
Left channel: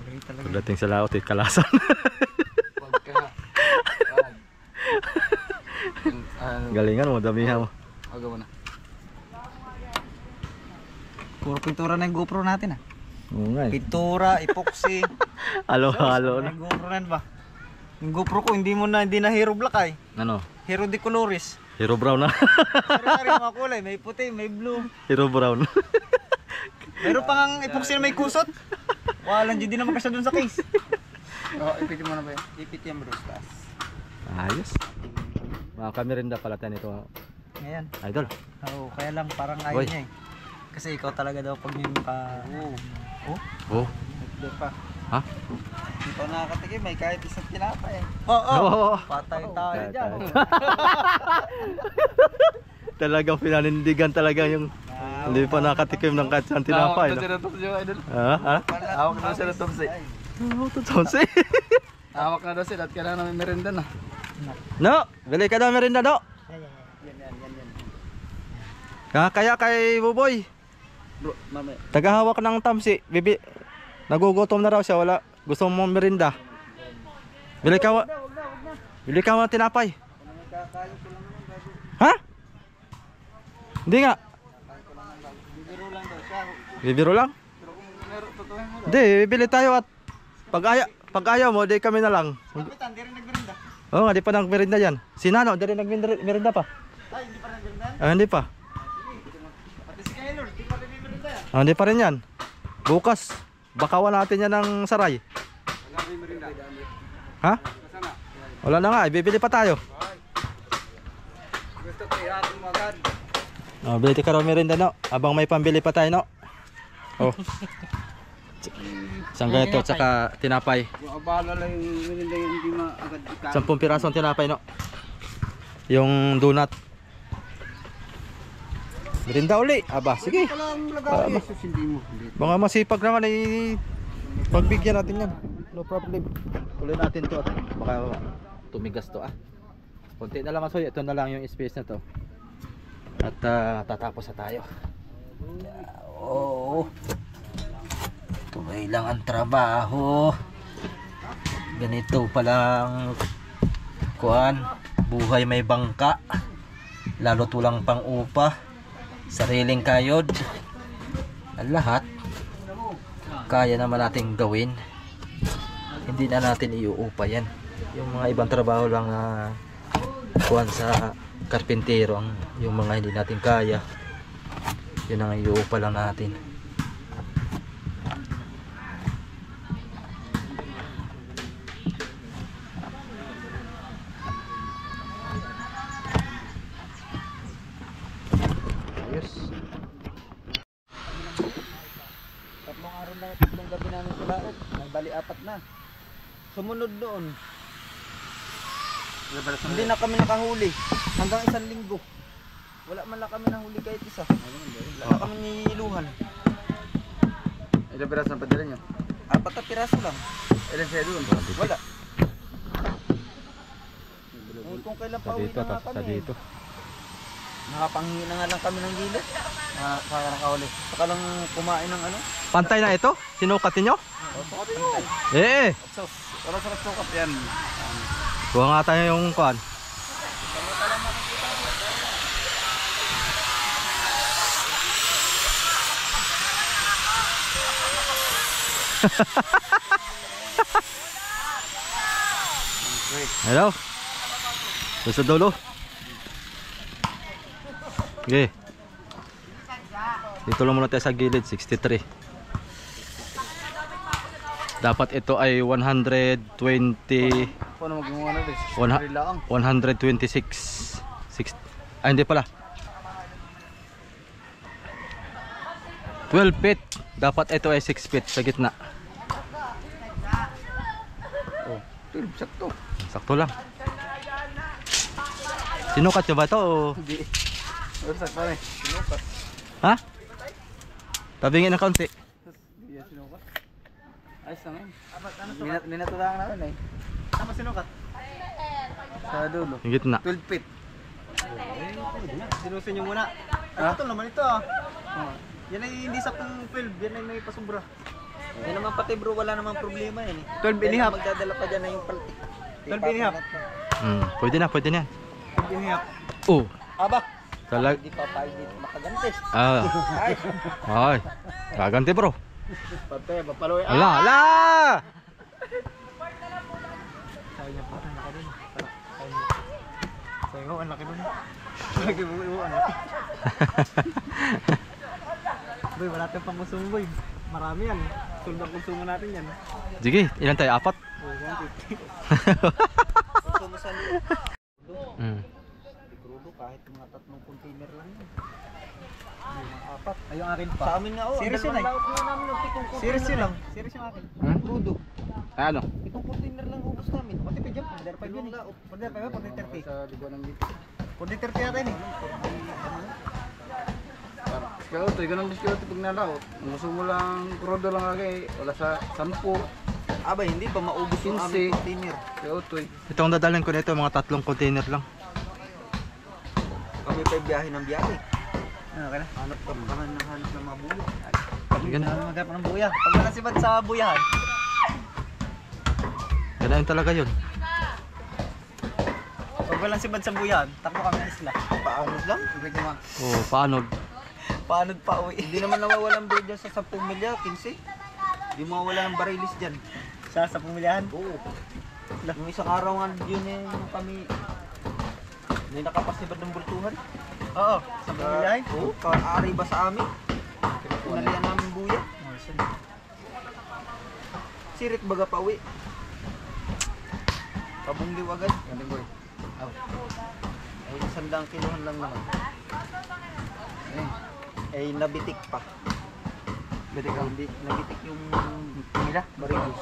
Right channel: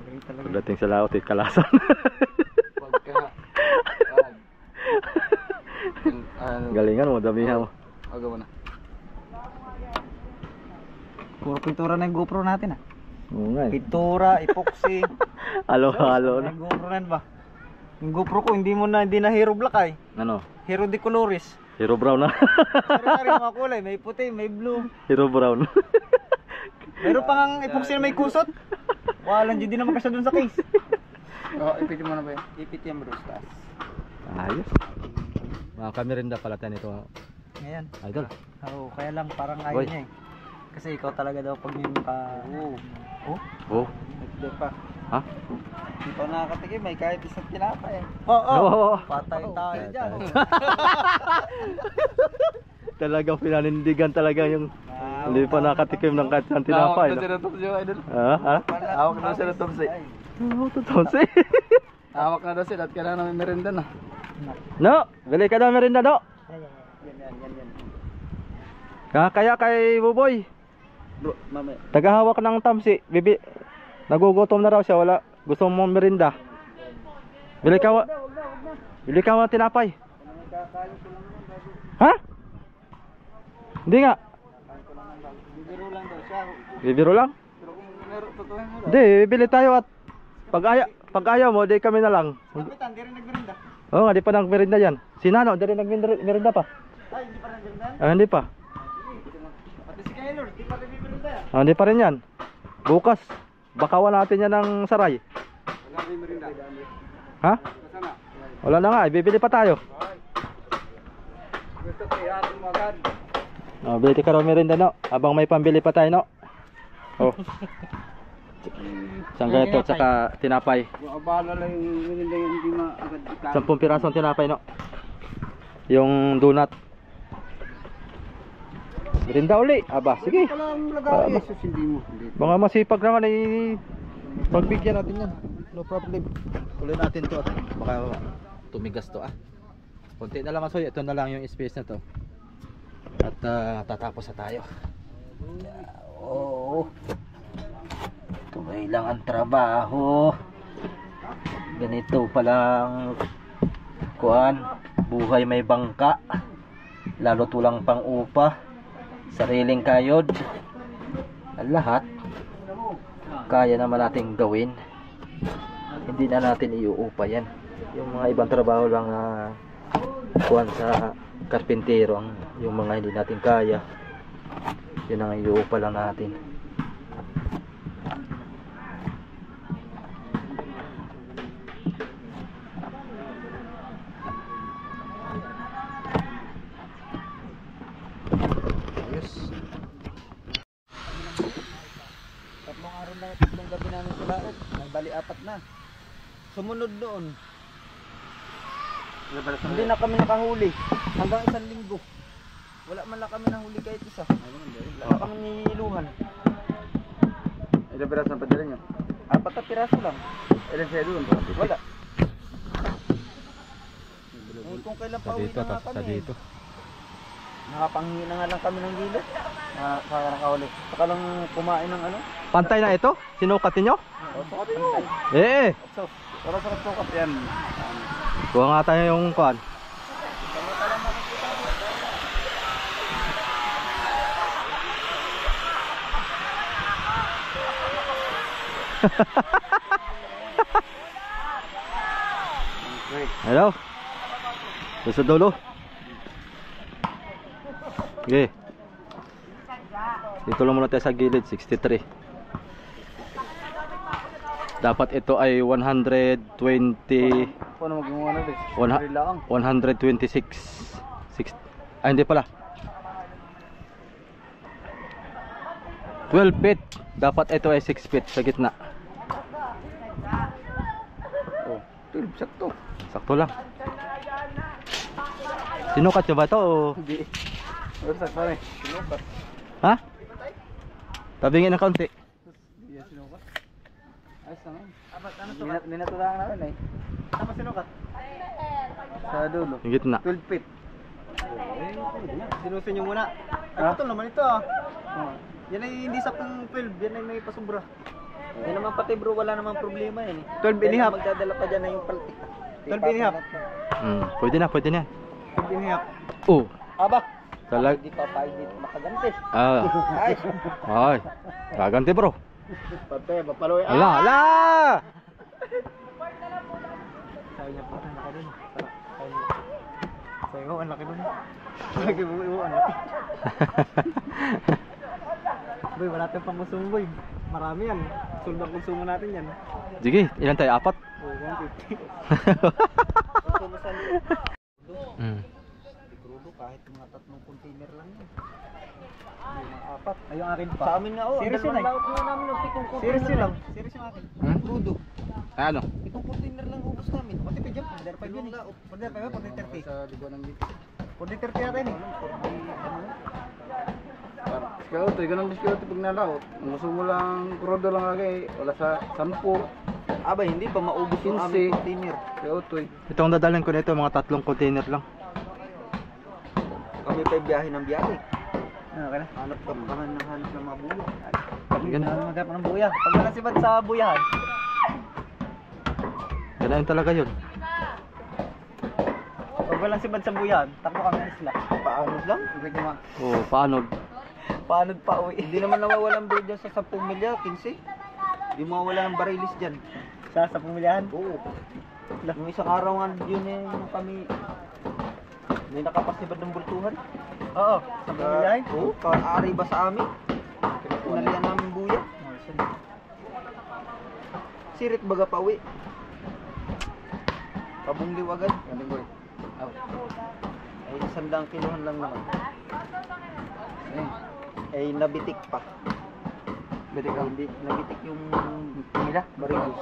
Galing talaga. Pagdating sa laot, eh, kalasan. Pagka... Galingan mo, damihan mo. Agaw mo na. Puro pintura na yung GoPro natin ah. Oo nga eh. Pintura, epoxy. Halo-halo na. Yung GoPro na yun ba? Yung GoPro ko, hindi na hero black ay. Ano? Hero de Colores. Hero brown na. Sari-sari yung mga kulay. May puti, may blue. Hero brown. Meron pa nga epoxy na may kusot. Walang dyan din naman kasi dun sa case. Oh, ipitin mo na ba yun? Ipit yung brustas. Ayos. Mga kamirinda pala tayo nito. Ngayon. Idol. Oo, kaya lang parang ayaw Boy. niya eh. Kasi ikaw talaga daw pag yung ka... Oh. Hindi pa. Ha? Hindi pa nakakatikim, may kahit isang tinapay eh. Oo. Patay tayo dyan. Talagang pinanindigan talaga yung hindi pa nakatikim ng kahit isang tinapay. No? Ha? Hawak na sila Tomsi. Hawak na daw sila at kailangan namin merinda na. No, bili ka na merinda, no? Kaya kay Buboy, Bro, mamaya. tagahawak ng tamsi, nagugutom na raw siya, wala gusto mo merinda. Bili ka ng tinapay. Ha? Hindi nga. Bibiro lang? Hindi, bibili tayo at pag ayaw mo, di kami na lang. Kapitan, di rin nagmerinda. Oo nga, di pa nagmerinda yan. Si Nano, di rin nagmerinda pa. Ay, hindi pa nagmerinda? Hindi pa. Pati si Kaylor, di pa rin nagmerinda. Hindi pa rin yan. Bukas, bakawan natin yan ng saray. Ha? Wala na nga, bibili pa tayo. Gusto ko ihatong mo agad. Bili ka raw merinda, no? Abang may pambili pa tayo, no? Oh. Isang ganito at saka tinapay. Yung abala lang yung merinda yung hindi maagad ikaw. 10 pirasong tinapay, no? Yung donut. Merinda uli. Aba, sige. Walang lagay. Jesus, hindi mo. Mga masipag naman ay pagbigyan natin yan. No problem. Tuloy natin to at baka tumigas to ah. Konti na lang masoy. Ito na lang yung space na to. At tatapos na tayo. Oo. Tuloy lang ang trabaho. Ganito palang kuan. Buhay may bangka. Lalo tulang pang upa. Sariling kayod. Ang lahat kaya naman nating gawin. Hindi na natin iuupa yan. Yung mga ibang trabaho lang na kuwan sa karpintero, yung mga hindi natin kaya, yun ang iuupa lang natin. Ayos. Tatlong araw na, tatlong gabi namin sa laot. Bali 4 na. Sumunod doon. Hindi na kami nakahuli. Hanggang 1 linggo. Wala man lang kami nahuli kahit isa. Wala na kami niluhan. Ilang piraso ang padala nyo? 4 na piraso lang. Ilan siya doon? Wala. Kung kailan pa uwi na nga kami. Nakapanghingi na nga lang kami ng gilid. Nakakahuli. Saka lang kumain ng ano. Pantay na ito? Sinukatin nyo? Sukatin mo. Sos. Para sa sukat yan. Kuha nga tayo yung kuhan. Hello. Doon sa dulo. Okay. Dito lang muna tayo sa gilid, 63. Dapat ito ay 120. Paano magawa na din? 126. Hindi pala. 12 feet. Dapat ito ay 6 feet sa gitna. Oh, 12, sakto. Sakto lang. Sinukat nyo ba ito o? Hindi. Sakto rin. Sinukat. Ha? Tabingin ng kaunti. Hindi yan sinukat. Ayos naman. Minatulangan namin eh. Ano sinukat? Sa dulo. Yung gitna. 12 feet. Sinusin nyo muna. Ay, ito naman ito ah. Yan ay hindi sa pang 12. Yan ay may pasubra. Yan naman pati bro, wala namang problema yan eh. 12 and a half. Magdadala pa dyan na yung paltik. 12 and a half. Pwede na yan. 12 and a half. Oh. Aba, Talag. hindi pa pa hindi makaganti. Ay. Ay. Gaganti bro. Pate, papaloy. Ala, ala! Sabi mo, ang laki nun. Lagi mo, ang laki. Boy, wala tayong pangkonsumo boy. Marami yan. Sulod ang konsumo natin yan. Sige, ilan tayo? 4? Oh, 150. Konsumo sa Hindi krudo, kahit mga 3 container lang yan. May mga 4. Ay, yung akin pa. Sa amin nga, oh. Series yun eh. Series yun lang. Series yung akin. Crudo. Ay, ano? 7 container lang ubos namin. Matipid yan. Order 5 yun eh. Order 5 ba? Order 30. Sa liguan ng dito. Order 30 natin eh. Kaya ito, ganun din kaya ito pag nalaot. Ang gusto mo lang, krudo lang lagi. Wala sa 10. Abay, hindi pa maubos yung 15. aming container. Kaya ito eh. Itong dadalhin ko nito, mga 3 container lang. Kami pa biyahe ng biyahe. Ano ka na? Hanap ka hanap ng mga bulo. Ganun. Ano magkap ng buya? Pag wala si Bad sa buyahan. Ganun talaga yun. Pag wala si Bad sa buyahan, takbo kami ng isla. Paanod lang. Ibig naman. Oo, paano? Paanod pa uwi. Hindi naman nawawalan bread dyan sa 10 milya, 15. Hindi mawawala ng barilis dyan. Sa pumilihan. Oo. Yung isang araw nga yun eh, yung kami may nakapasibad ng bultuhan. Oo, sa pumilihan. Oo, kaari ba sa amin? Pinalian namin buya. Sirit baga pa uwi. Pabungliw agad. Ganun boy. Ay, 100 kilohan lang naman. Ay, nabitik pa. Bitik ka. Hindi, nabitik yung nila, barilis.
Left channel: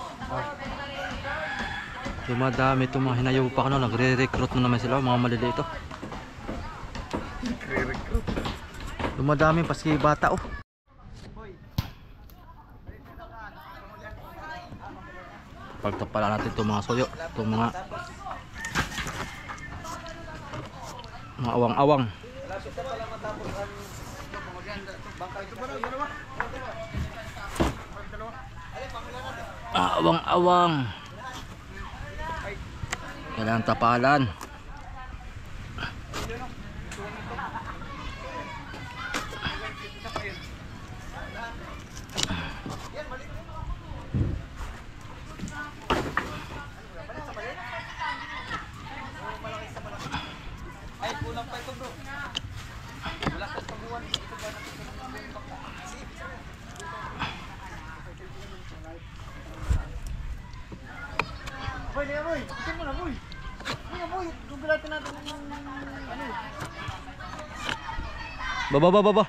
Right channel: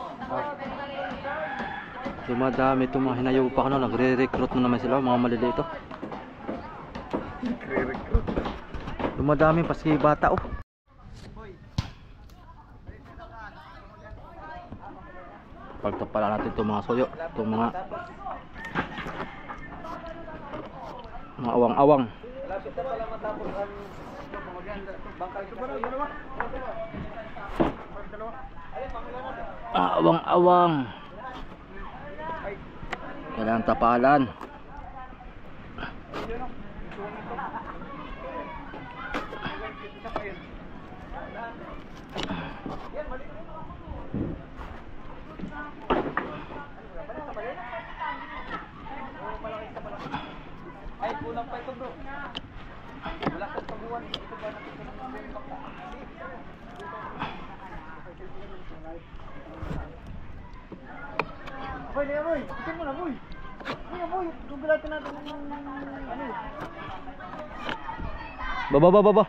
Dumadami itong mga hinayaw pa ano, nagre-recruit na naman sila, mga maliliit ito. Dumadami paski bata oh. Pagtapala natin itong mga soyo, itong mga awang-awang. Awang-awang. Kailangan tapalan. Ay, kulang pa ito bro. Wala sa paguan. Ito ba natin boy, liya boy. Itin mo na boy. Liya boy, gugulatin natin ng ano. Baba. Ano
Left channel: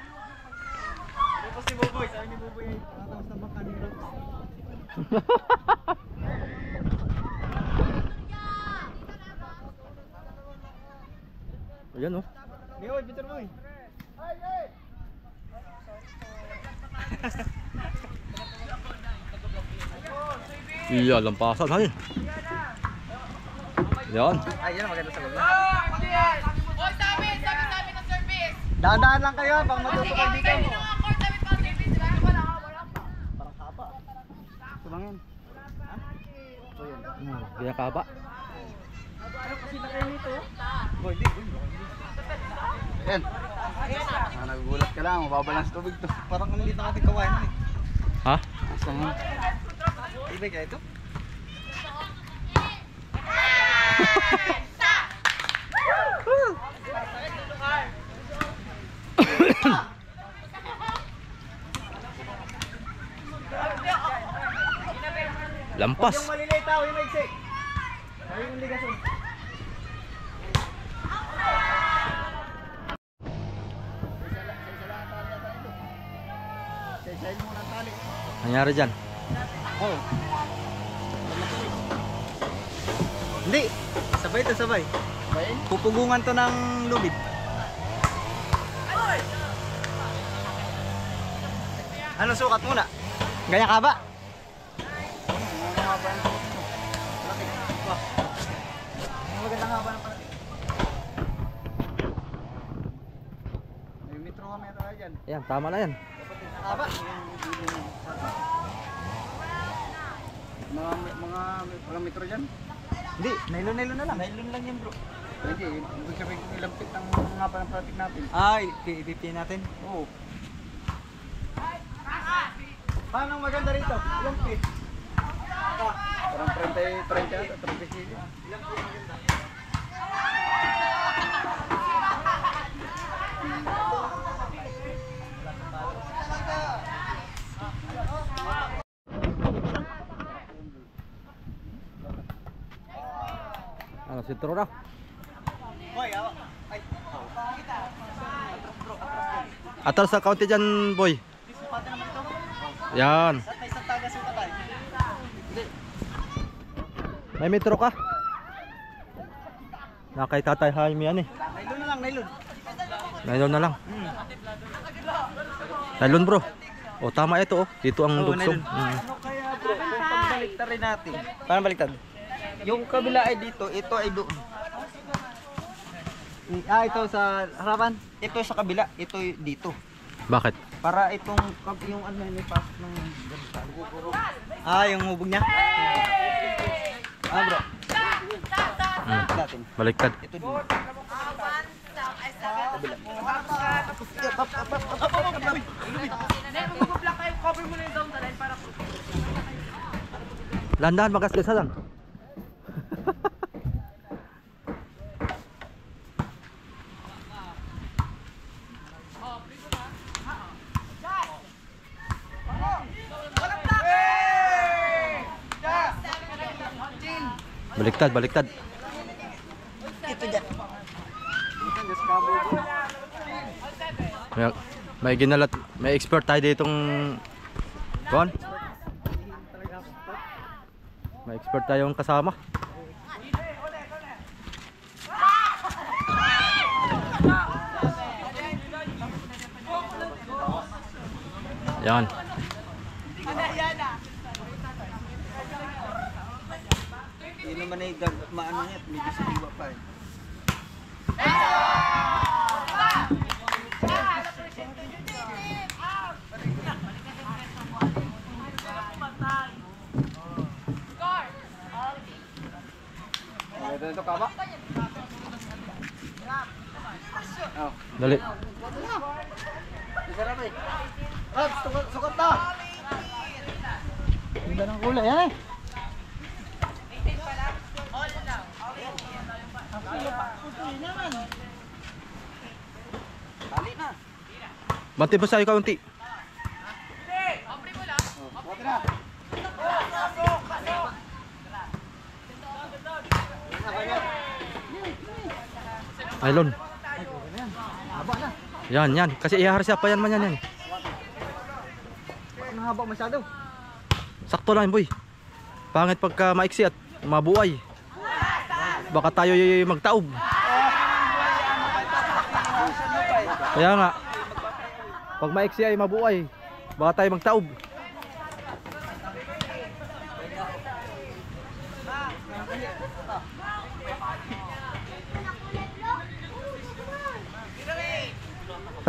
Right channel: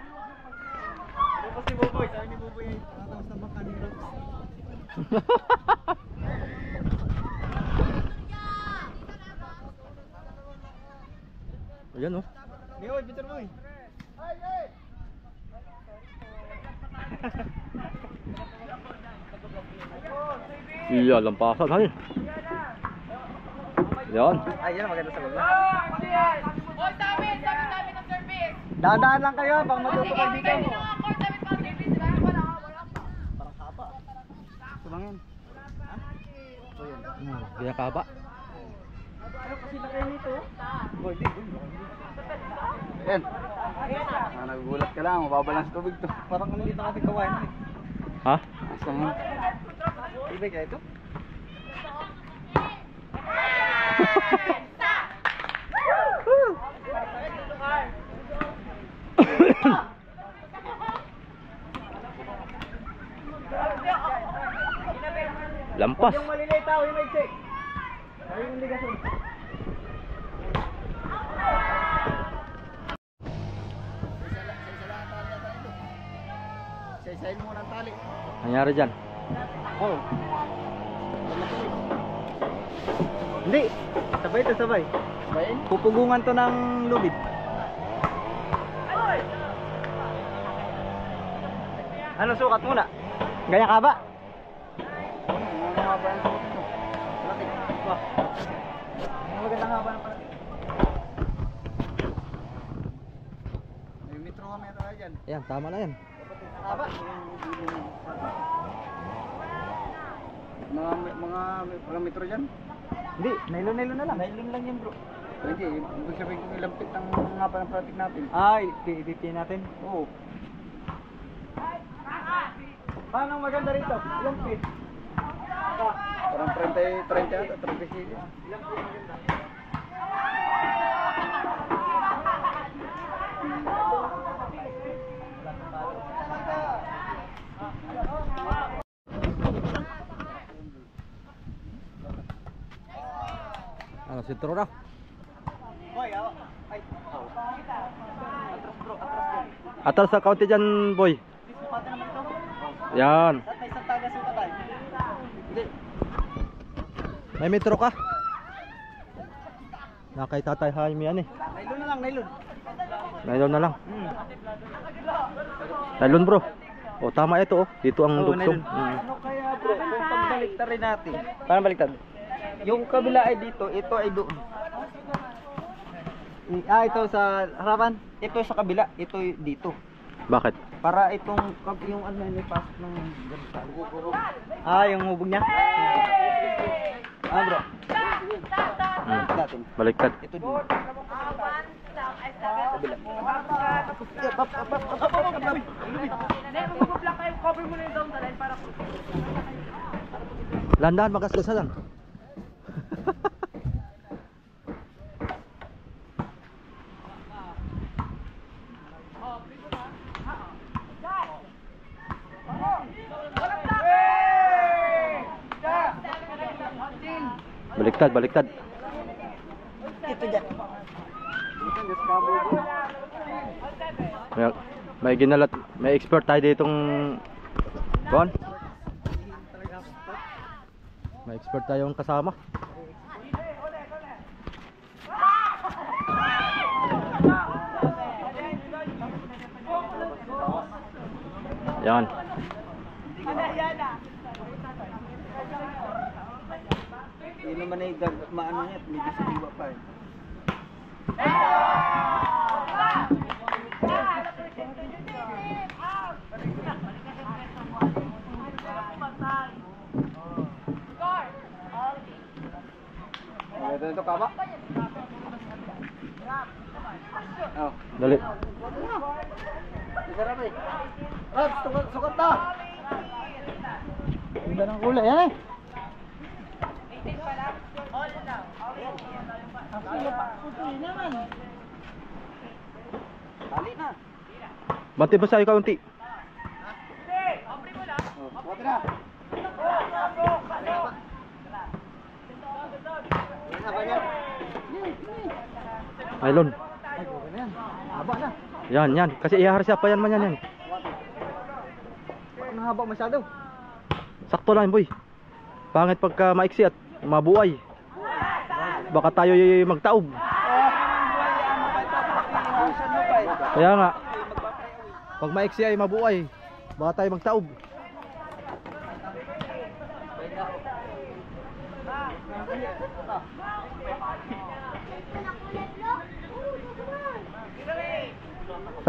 pa si Boboy? Sabi ni Boboy ay nakatawas na baka ni Rose. Ayan oh. Liya boy, bitter boy. Iya, lampasan hay. Yan. Ay, yan ang maganda sa baba. Hoy, sabi ng service. Dahan-dahan lang kayo, baka matuto kayo dito. Sabi ng mga court, sabi pang service. Wala pa. Parang kapa. Ito lang yan. Ito yan. Kaya kaba. Ano kasi na kayo nito? Boy, di. Yan. Nagugulat ka lang, mababalance tubig to. Parang ang liit na ating kawain eh. Ha? Asa nga. Ibig kaya ito? Lampas. Yung maliliit tao, yung maiksi. Sabi yung ligason. Isa-isahin mo ng tali. Nangyari dyan. Oo. Hindi. Sabay to sabay. Pupugungan to ng lubid. Ano sukat muna? Ganyan ka ba? Magandang haba ng palati. May metro kami ito na dyan. Ayan, tama na yan. Haba. Mga metro dyan. Hindi, nylon na lang. Nylon lang yan bro. Hindi, ibig sabihin kung ilampit ng haba ng pratik natin. Ay, i-50 natin. Oo. Paano maganda rito? Ilang feet? Parang 30 ata, 36. sentro na. Boy, ay. Atras sa kaunti dyan, boy. Disipate naman ito. Yan. At may isang taga suka tayo. May metro ka? Nakay Tatay Jaime yan eh. Nailon na lang, nailon. Nylon na lang. Nylon bro. O tama ito oh. Dito ang dugsong. Ano kaya bro, kung pagbaliktad rin natin? Paano baliktad? Yung kabila ay dito, ito ay doon. Ito sa harapan. Ito sa kabila, ito dito. Bakit? Para itong yung ano may pasok ng ganito. Yung hubog niya. Bro, natin. Baliktad. Ito dito. Landahan magasgasa lang. Baliktad, baliktad. May ginalat, may expert tayo ditong kuan. May expert tayong kasama. Yan. Hindi naman ay maano niya, medyo sa diwa pa eh. Ito ka ba? Dali. Sarap eh. Rabs, sukat na. Ganda ng kulay yan eh. Tali na. Bante pa sa'yo kaunti. Sukat na. Nylon. Haba na. Yan, yan. Kasi ihaharasya pa yan man yan. Ang haba masyado. Sakto lang boy. Pangit pagka maiksi at mabuhay. Baka tayo magtaob. Kaya nga. Pag maiksi ay mabuhay, baka tayo magtaob.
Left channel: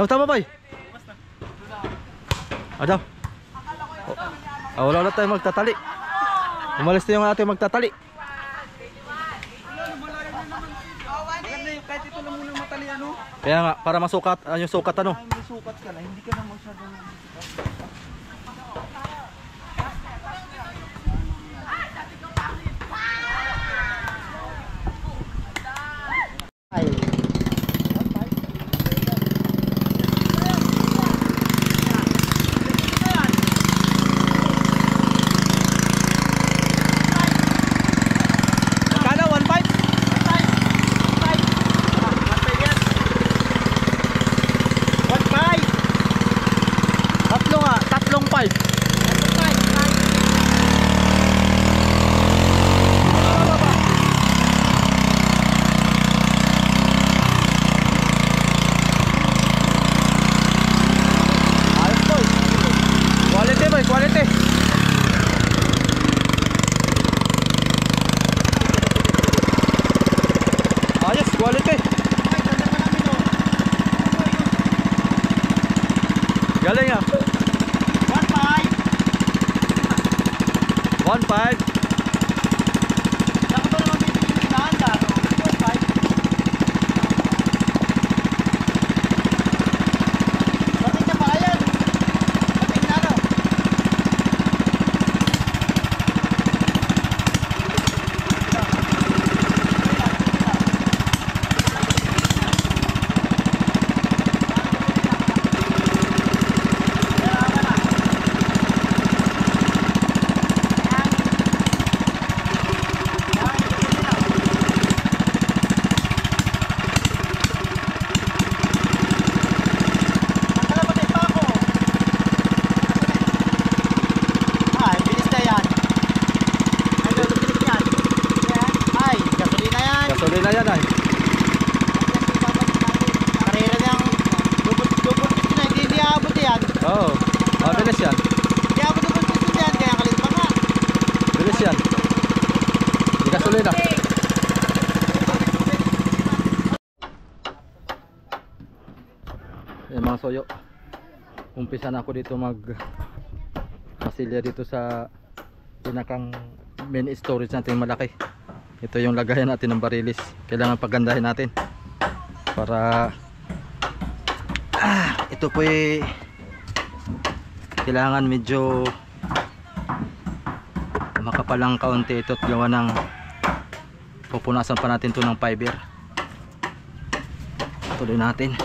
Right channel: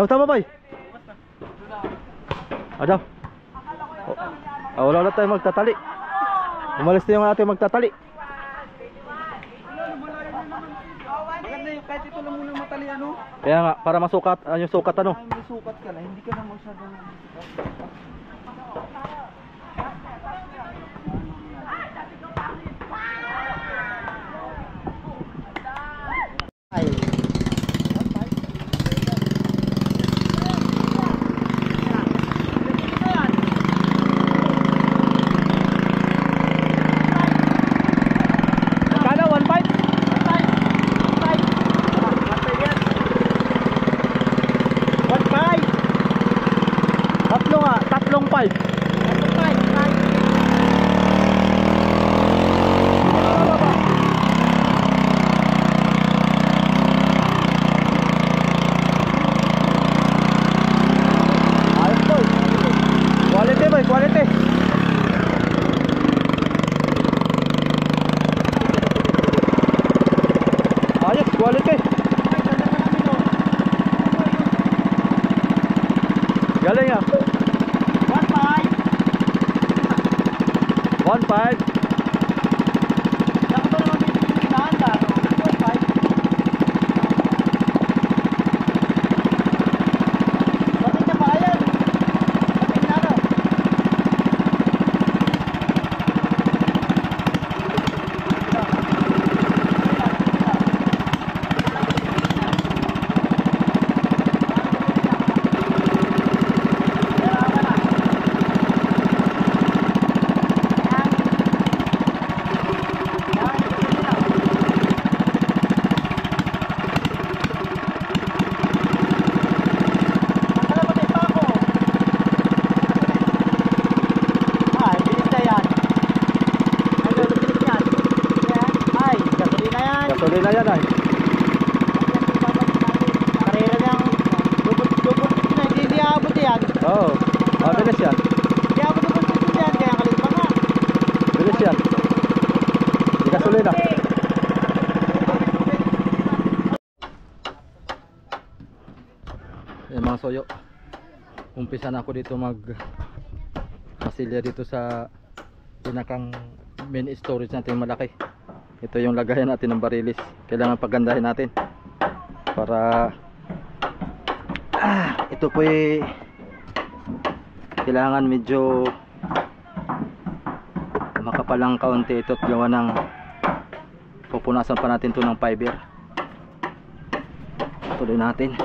Tama boy. Ada. Wala na tayong magtatali. Umalis na yung ating magtatali. Maganda yung kahit ito lang muna matali ano. Kaya nga, para masukat, yung sukat ano. Ay, may sukat ka na, hindi ka na masyadong Magkano? 1.5. Ayan mga soyo, umpisa na ako dito mag pasilya dito sa pinakang main storage natin malaki. Ito yung lagayan natin ng barilis. Kailangan pagandahin natin para ito po kailangan medyo makapalang kaunti ito at gawa ng pupunasan pa natin to ng fiber. Tuloy natin.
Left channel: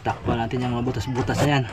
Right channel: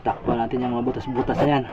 Takpan natin yung mga butas-butas na yan.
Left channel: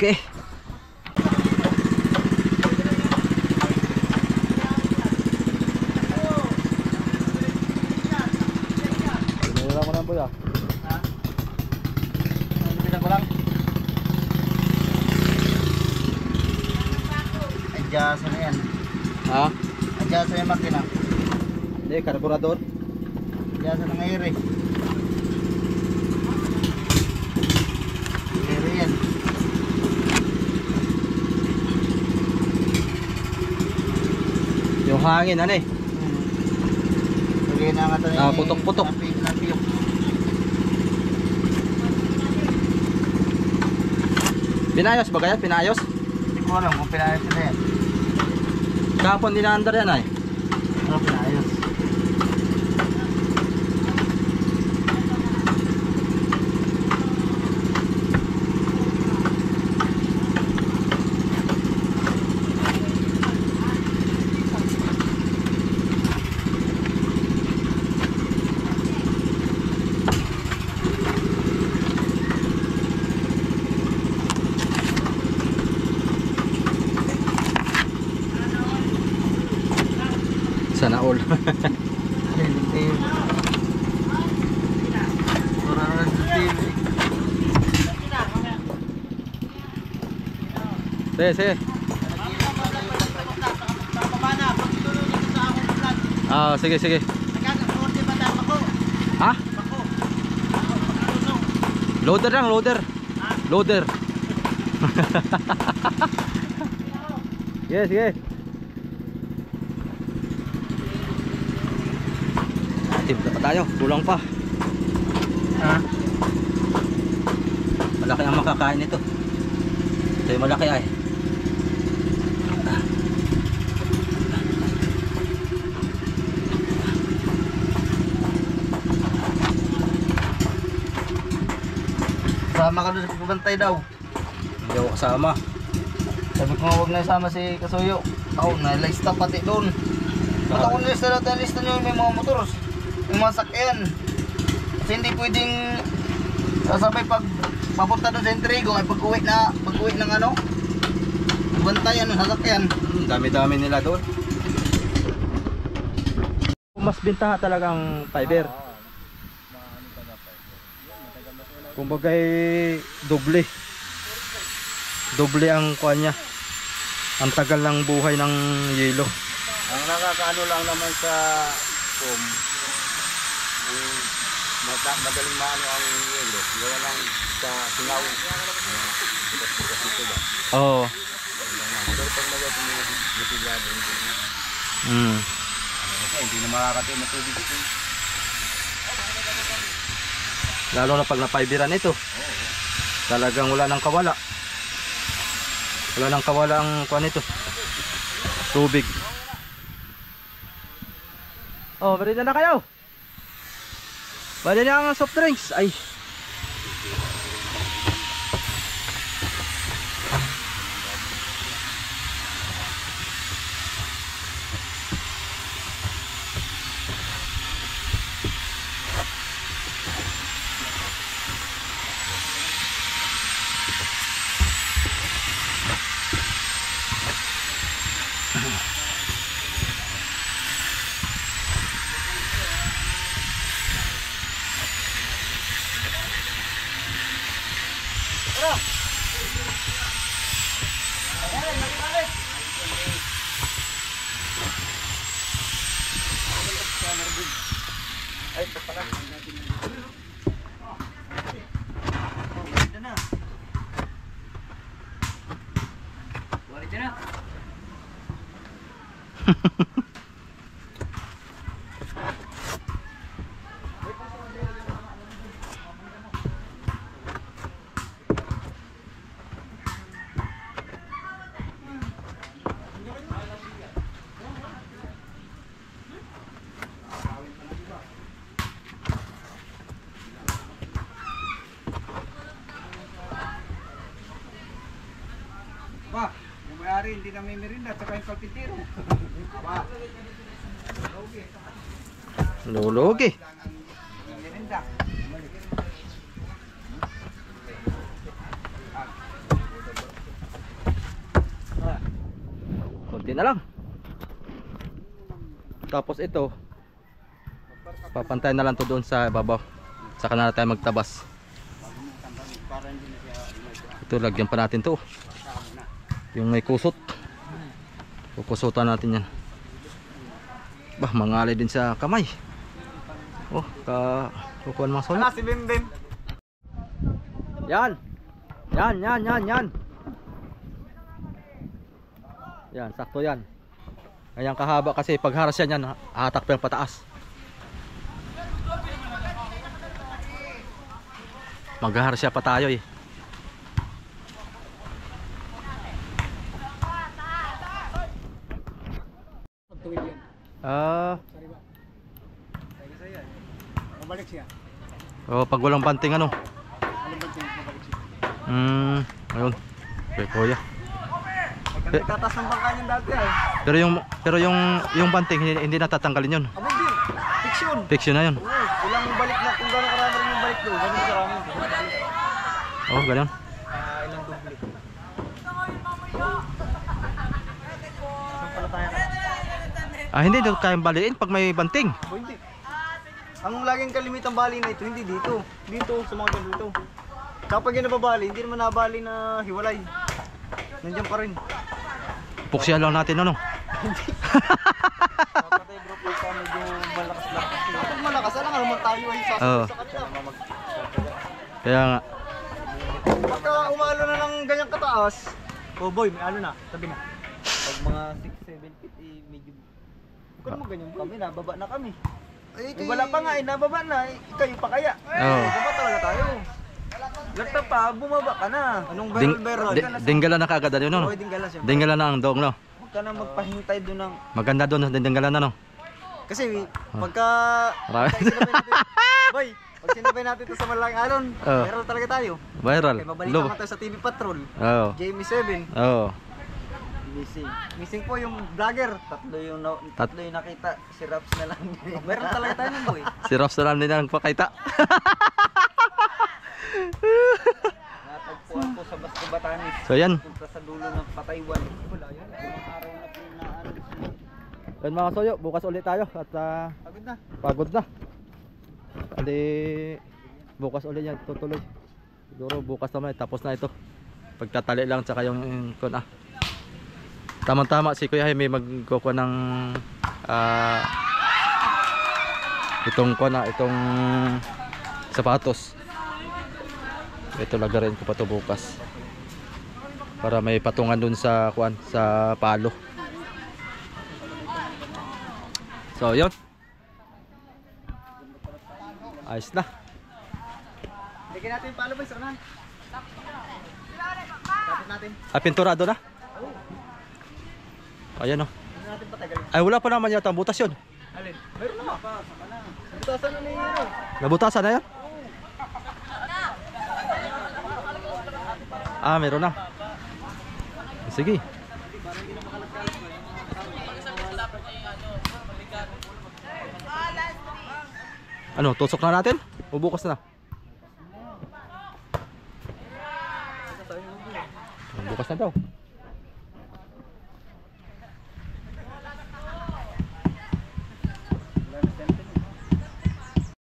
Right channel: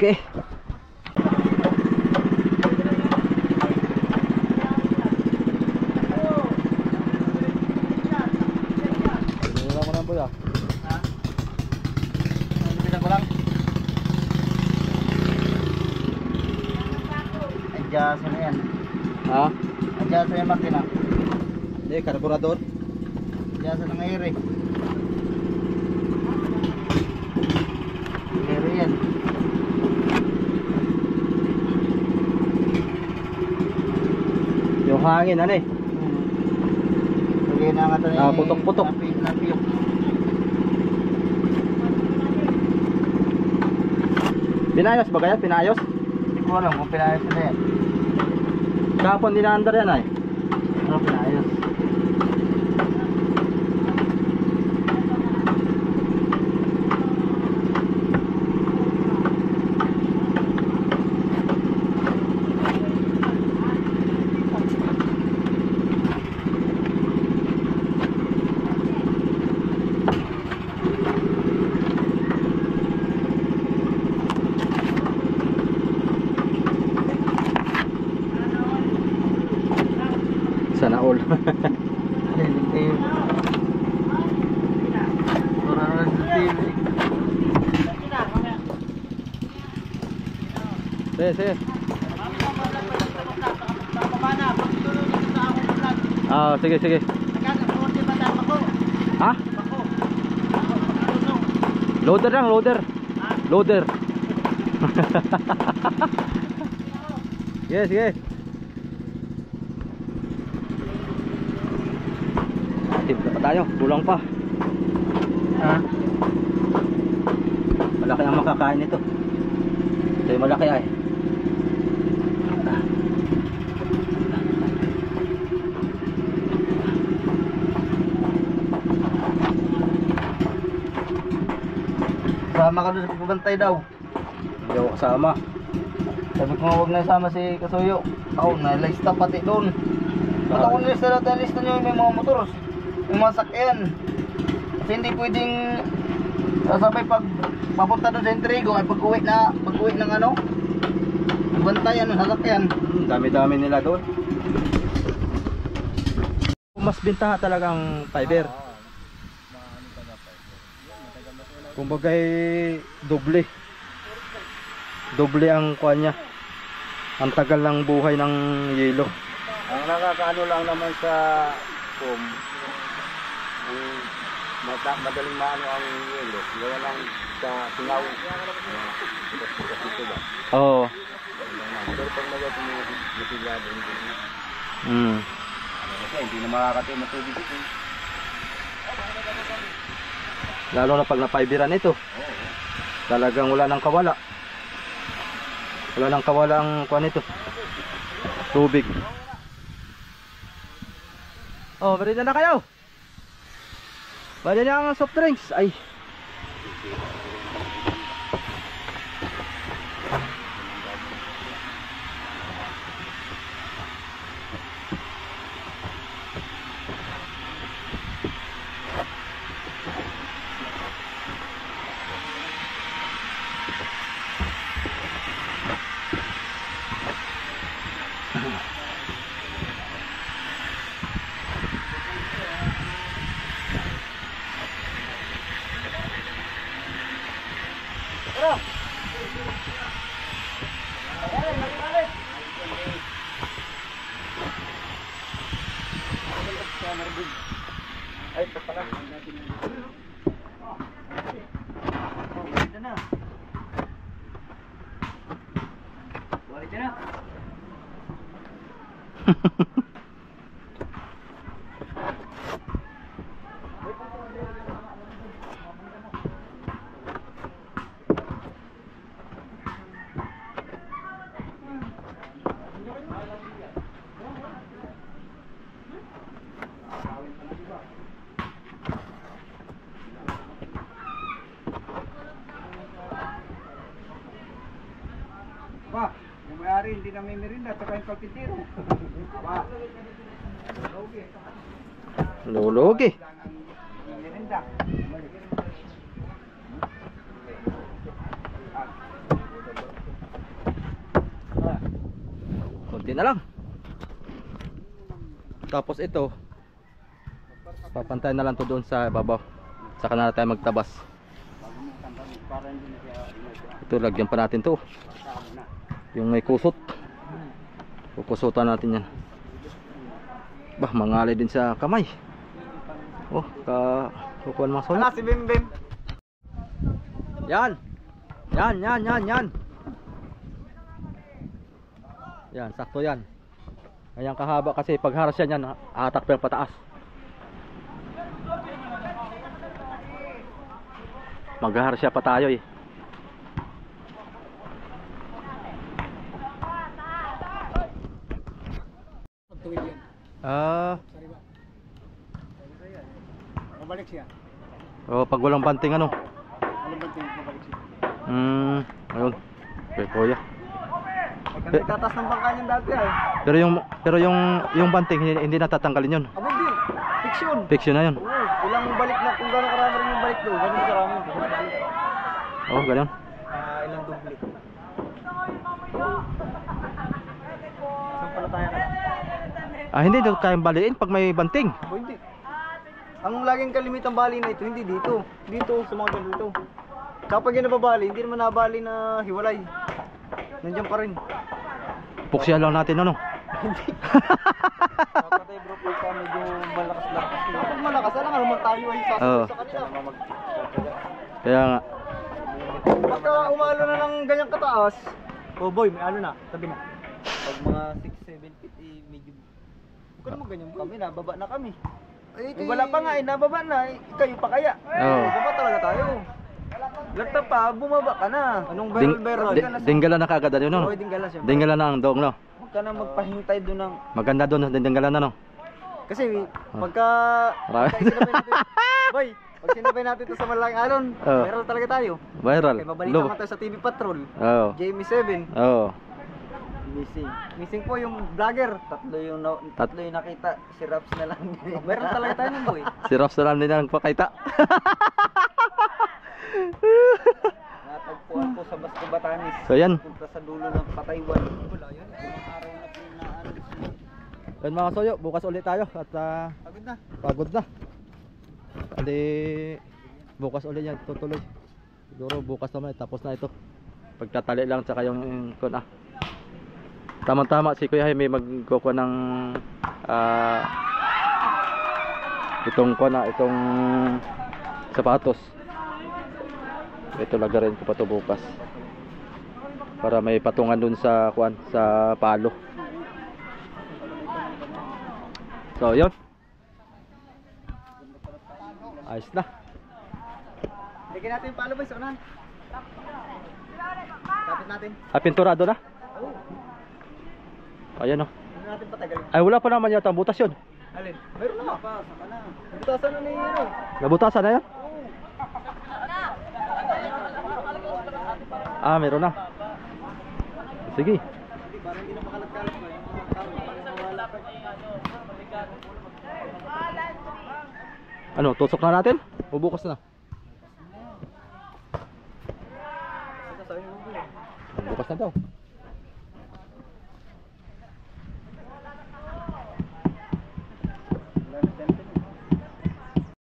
Okay. Wala ko na po ya. Ha? Bilang ko lang. Adjust na yan. Ha? Adjust na yung makina. Hindi, karburador. Adjust na ng air eh. Air yan. Yung hangin, ano eh. Lagyan na nga ito Ah, putok-putok. Napiyok. Pinayos ba kaya? Pinayos? Hindi ko alam kung pinayos na yan. Kapon dinaandar yan ay. Ano pinayos? Sana all. Sige, sige. Ah, sige, sige. Ha? Loader lang, loader. Loader. Sige, sige. Tip na pa tayo, kulang pa. Ha? Malaki ang makakain nito. Ito yung malaki ay. Sama ka doon sa pagbantay daw. Hindi ako kasama. Sabi ko nga huwag na isama si Kasuyo. Ako, nalista pati doon. Ba't ako nalista natin? Nalista nyo may mga motor. Yung mga sakyan. Kasi hindi pwedeng sasabay pag papunta doon sa Entrigo ay pag-uwi ng ano bantayan ng sasakyan. Dami-dami nila doon. Mas bintaha talagang fiber. Kumbaga doble. Doble ang kuha niya. Ang tagal ng buhay ng yelo. Ang nakakaano lang naman sa madaling maano ang yelo. Gawa lang sa singaw. Bukas-bukas ito ba? Oo. Pero pag nagawin mo matigado, hindi na makakatay na tubig ito. Lalo na pag napaibiran ito. Talagang wala nang kawala. Wala nang kawala ang kuha nito. Tubig. Oh, bari na kayo. Bali na ang soft drinks. Ay. Ba, yung may-ari hindi na may merinda, tsaka yung kalpintero. Ba, Lulugi. yung merinda. Konti na lang. Tapos ito papantayan na lang to doon sa babaw. Saka na tayo magtabas. Ito lagyan pa natin to. Yung may kusot. Kukusutan natin yan. Bah, mangalay din sa kamay. Oh, kukuhan mga solo. Si Bim Bim. Yan. Yan. Yan, sakto yan. Ayan kahaba kasi pag haras yan, hatak pa yung pataas. Maghaharas siya pa tayo eh. Mabalik siya. Oh, pag walang banting ano. Alam ba ito mabalik siya? Ayun. Okay, kuya. Nagtataas ng bangka niyan dati ay. Pero yung banting hindi natatanggalin yun. Abo din. Fiction. Fiction na yun. Oo, ilang balik na kung gano'ng karami rin yung balik doon. Gano'ng karami. Oh, ganun. Ilang dubli. Saan pala tayo ka? Hindi daw kayang baliin pag may banting. Abo hindi. Ang laging kalimitang bali na ito, hindi dito. Dito, sa mga ganito. Kapag yun nababali, hindi naman nabali na hiwalay. Nandiyan pa rin. Puksya lang natin ano. Kapatay bro, pagka medyo malakas-lakas. Kapag malakas, alam nga naman tayo ay sasabi sa kanila. Kaya nga. Pagka umalo na ng ganyang kataas, oh boy, may ano na, tabi na. Pag mga 6-7 feet, medyo... Huwag ka naman ganyan, kami nababa na kami. Eh, wala pa nga, nababa na. Kayo pa kaya? Oo. Baba talaga tayo. Lagta pa, bumaba ka na. Anong barrel? Dinggala na kagad ano no? Oo, dinggala siya. Dinggala na ang dong no. Huwag ka na magpahintay doon ng... Maganda doon, dinggala na no. Kasi pagka... Marami. pagka sinabay natin, boy, pag sinabay natin ito sa malaking alon, Oo. barrel talaga tayo. Viral. Kaya mabalik Low. naman tayo sa TV Patrol. Oo. Jamie 7. Oo. Missing. Missing po yung vlogger. Tatlo yung nakita. Si Raps na lang. Meron talaga tayo nun, boy. Si Ross na lang din ang pakita. Natagpuan ko sa Basco Batanes. So yan. Punta sa dulo ng Pataywan. Wala yun. Ilang araw na pinaano sila. Yan mga kasoyo, bukas ulit tayo at Pagod na. pagod na. Andi bukas ulit yan tutuloy. Siguro bukas naman tapos na ito. Pagtatali lang tsaka yung kun Tama-tama si Kuya Jaime magkukuha ng itong itong sapatos. Ito lagarin ko pa to bukas. Para may patungan dun sa sa palo. So, yun. Ayos na. Bigyan natin yung palo, boy. Saranan. Tapos natin. Pinturado na? Ayan o. Hindi natin patagalin. Ay, wala pa naman yata ang butas yun. Alin? Meron na pa. Saka na. Butasan na na yun. Nabutasan na yan? Meron na. Sige. Ano, tusok na natin? O bukas na? Bukas na daw.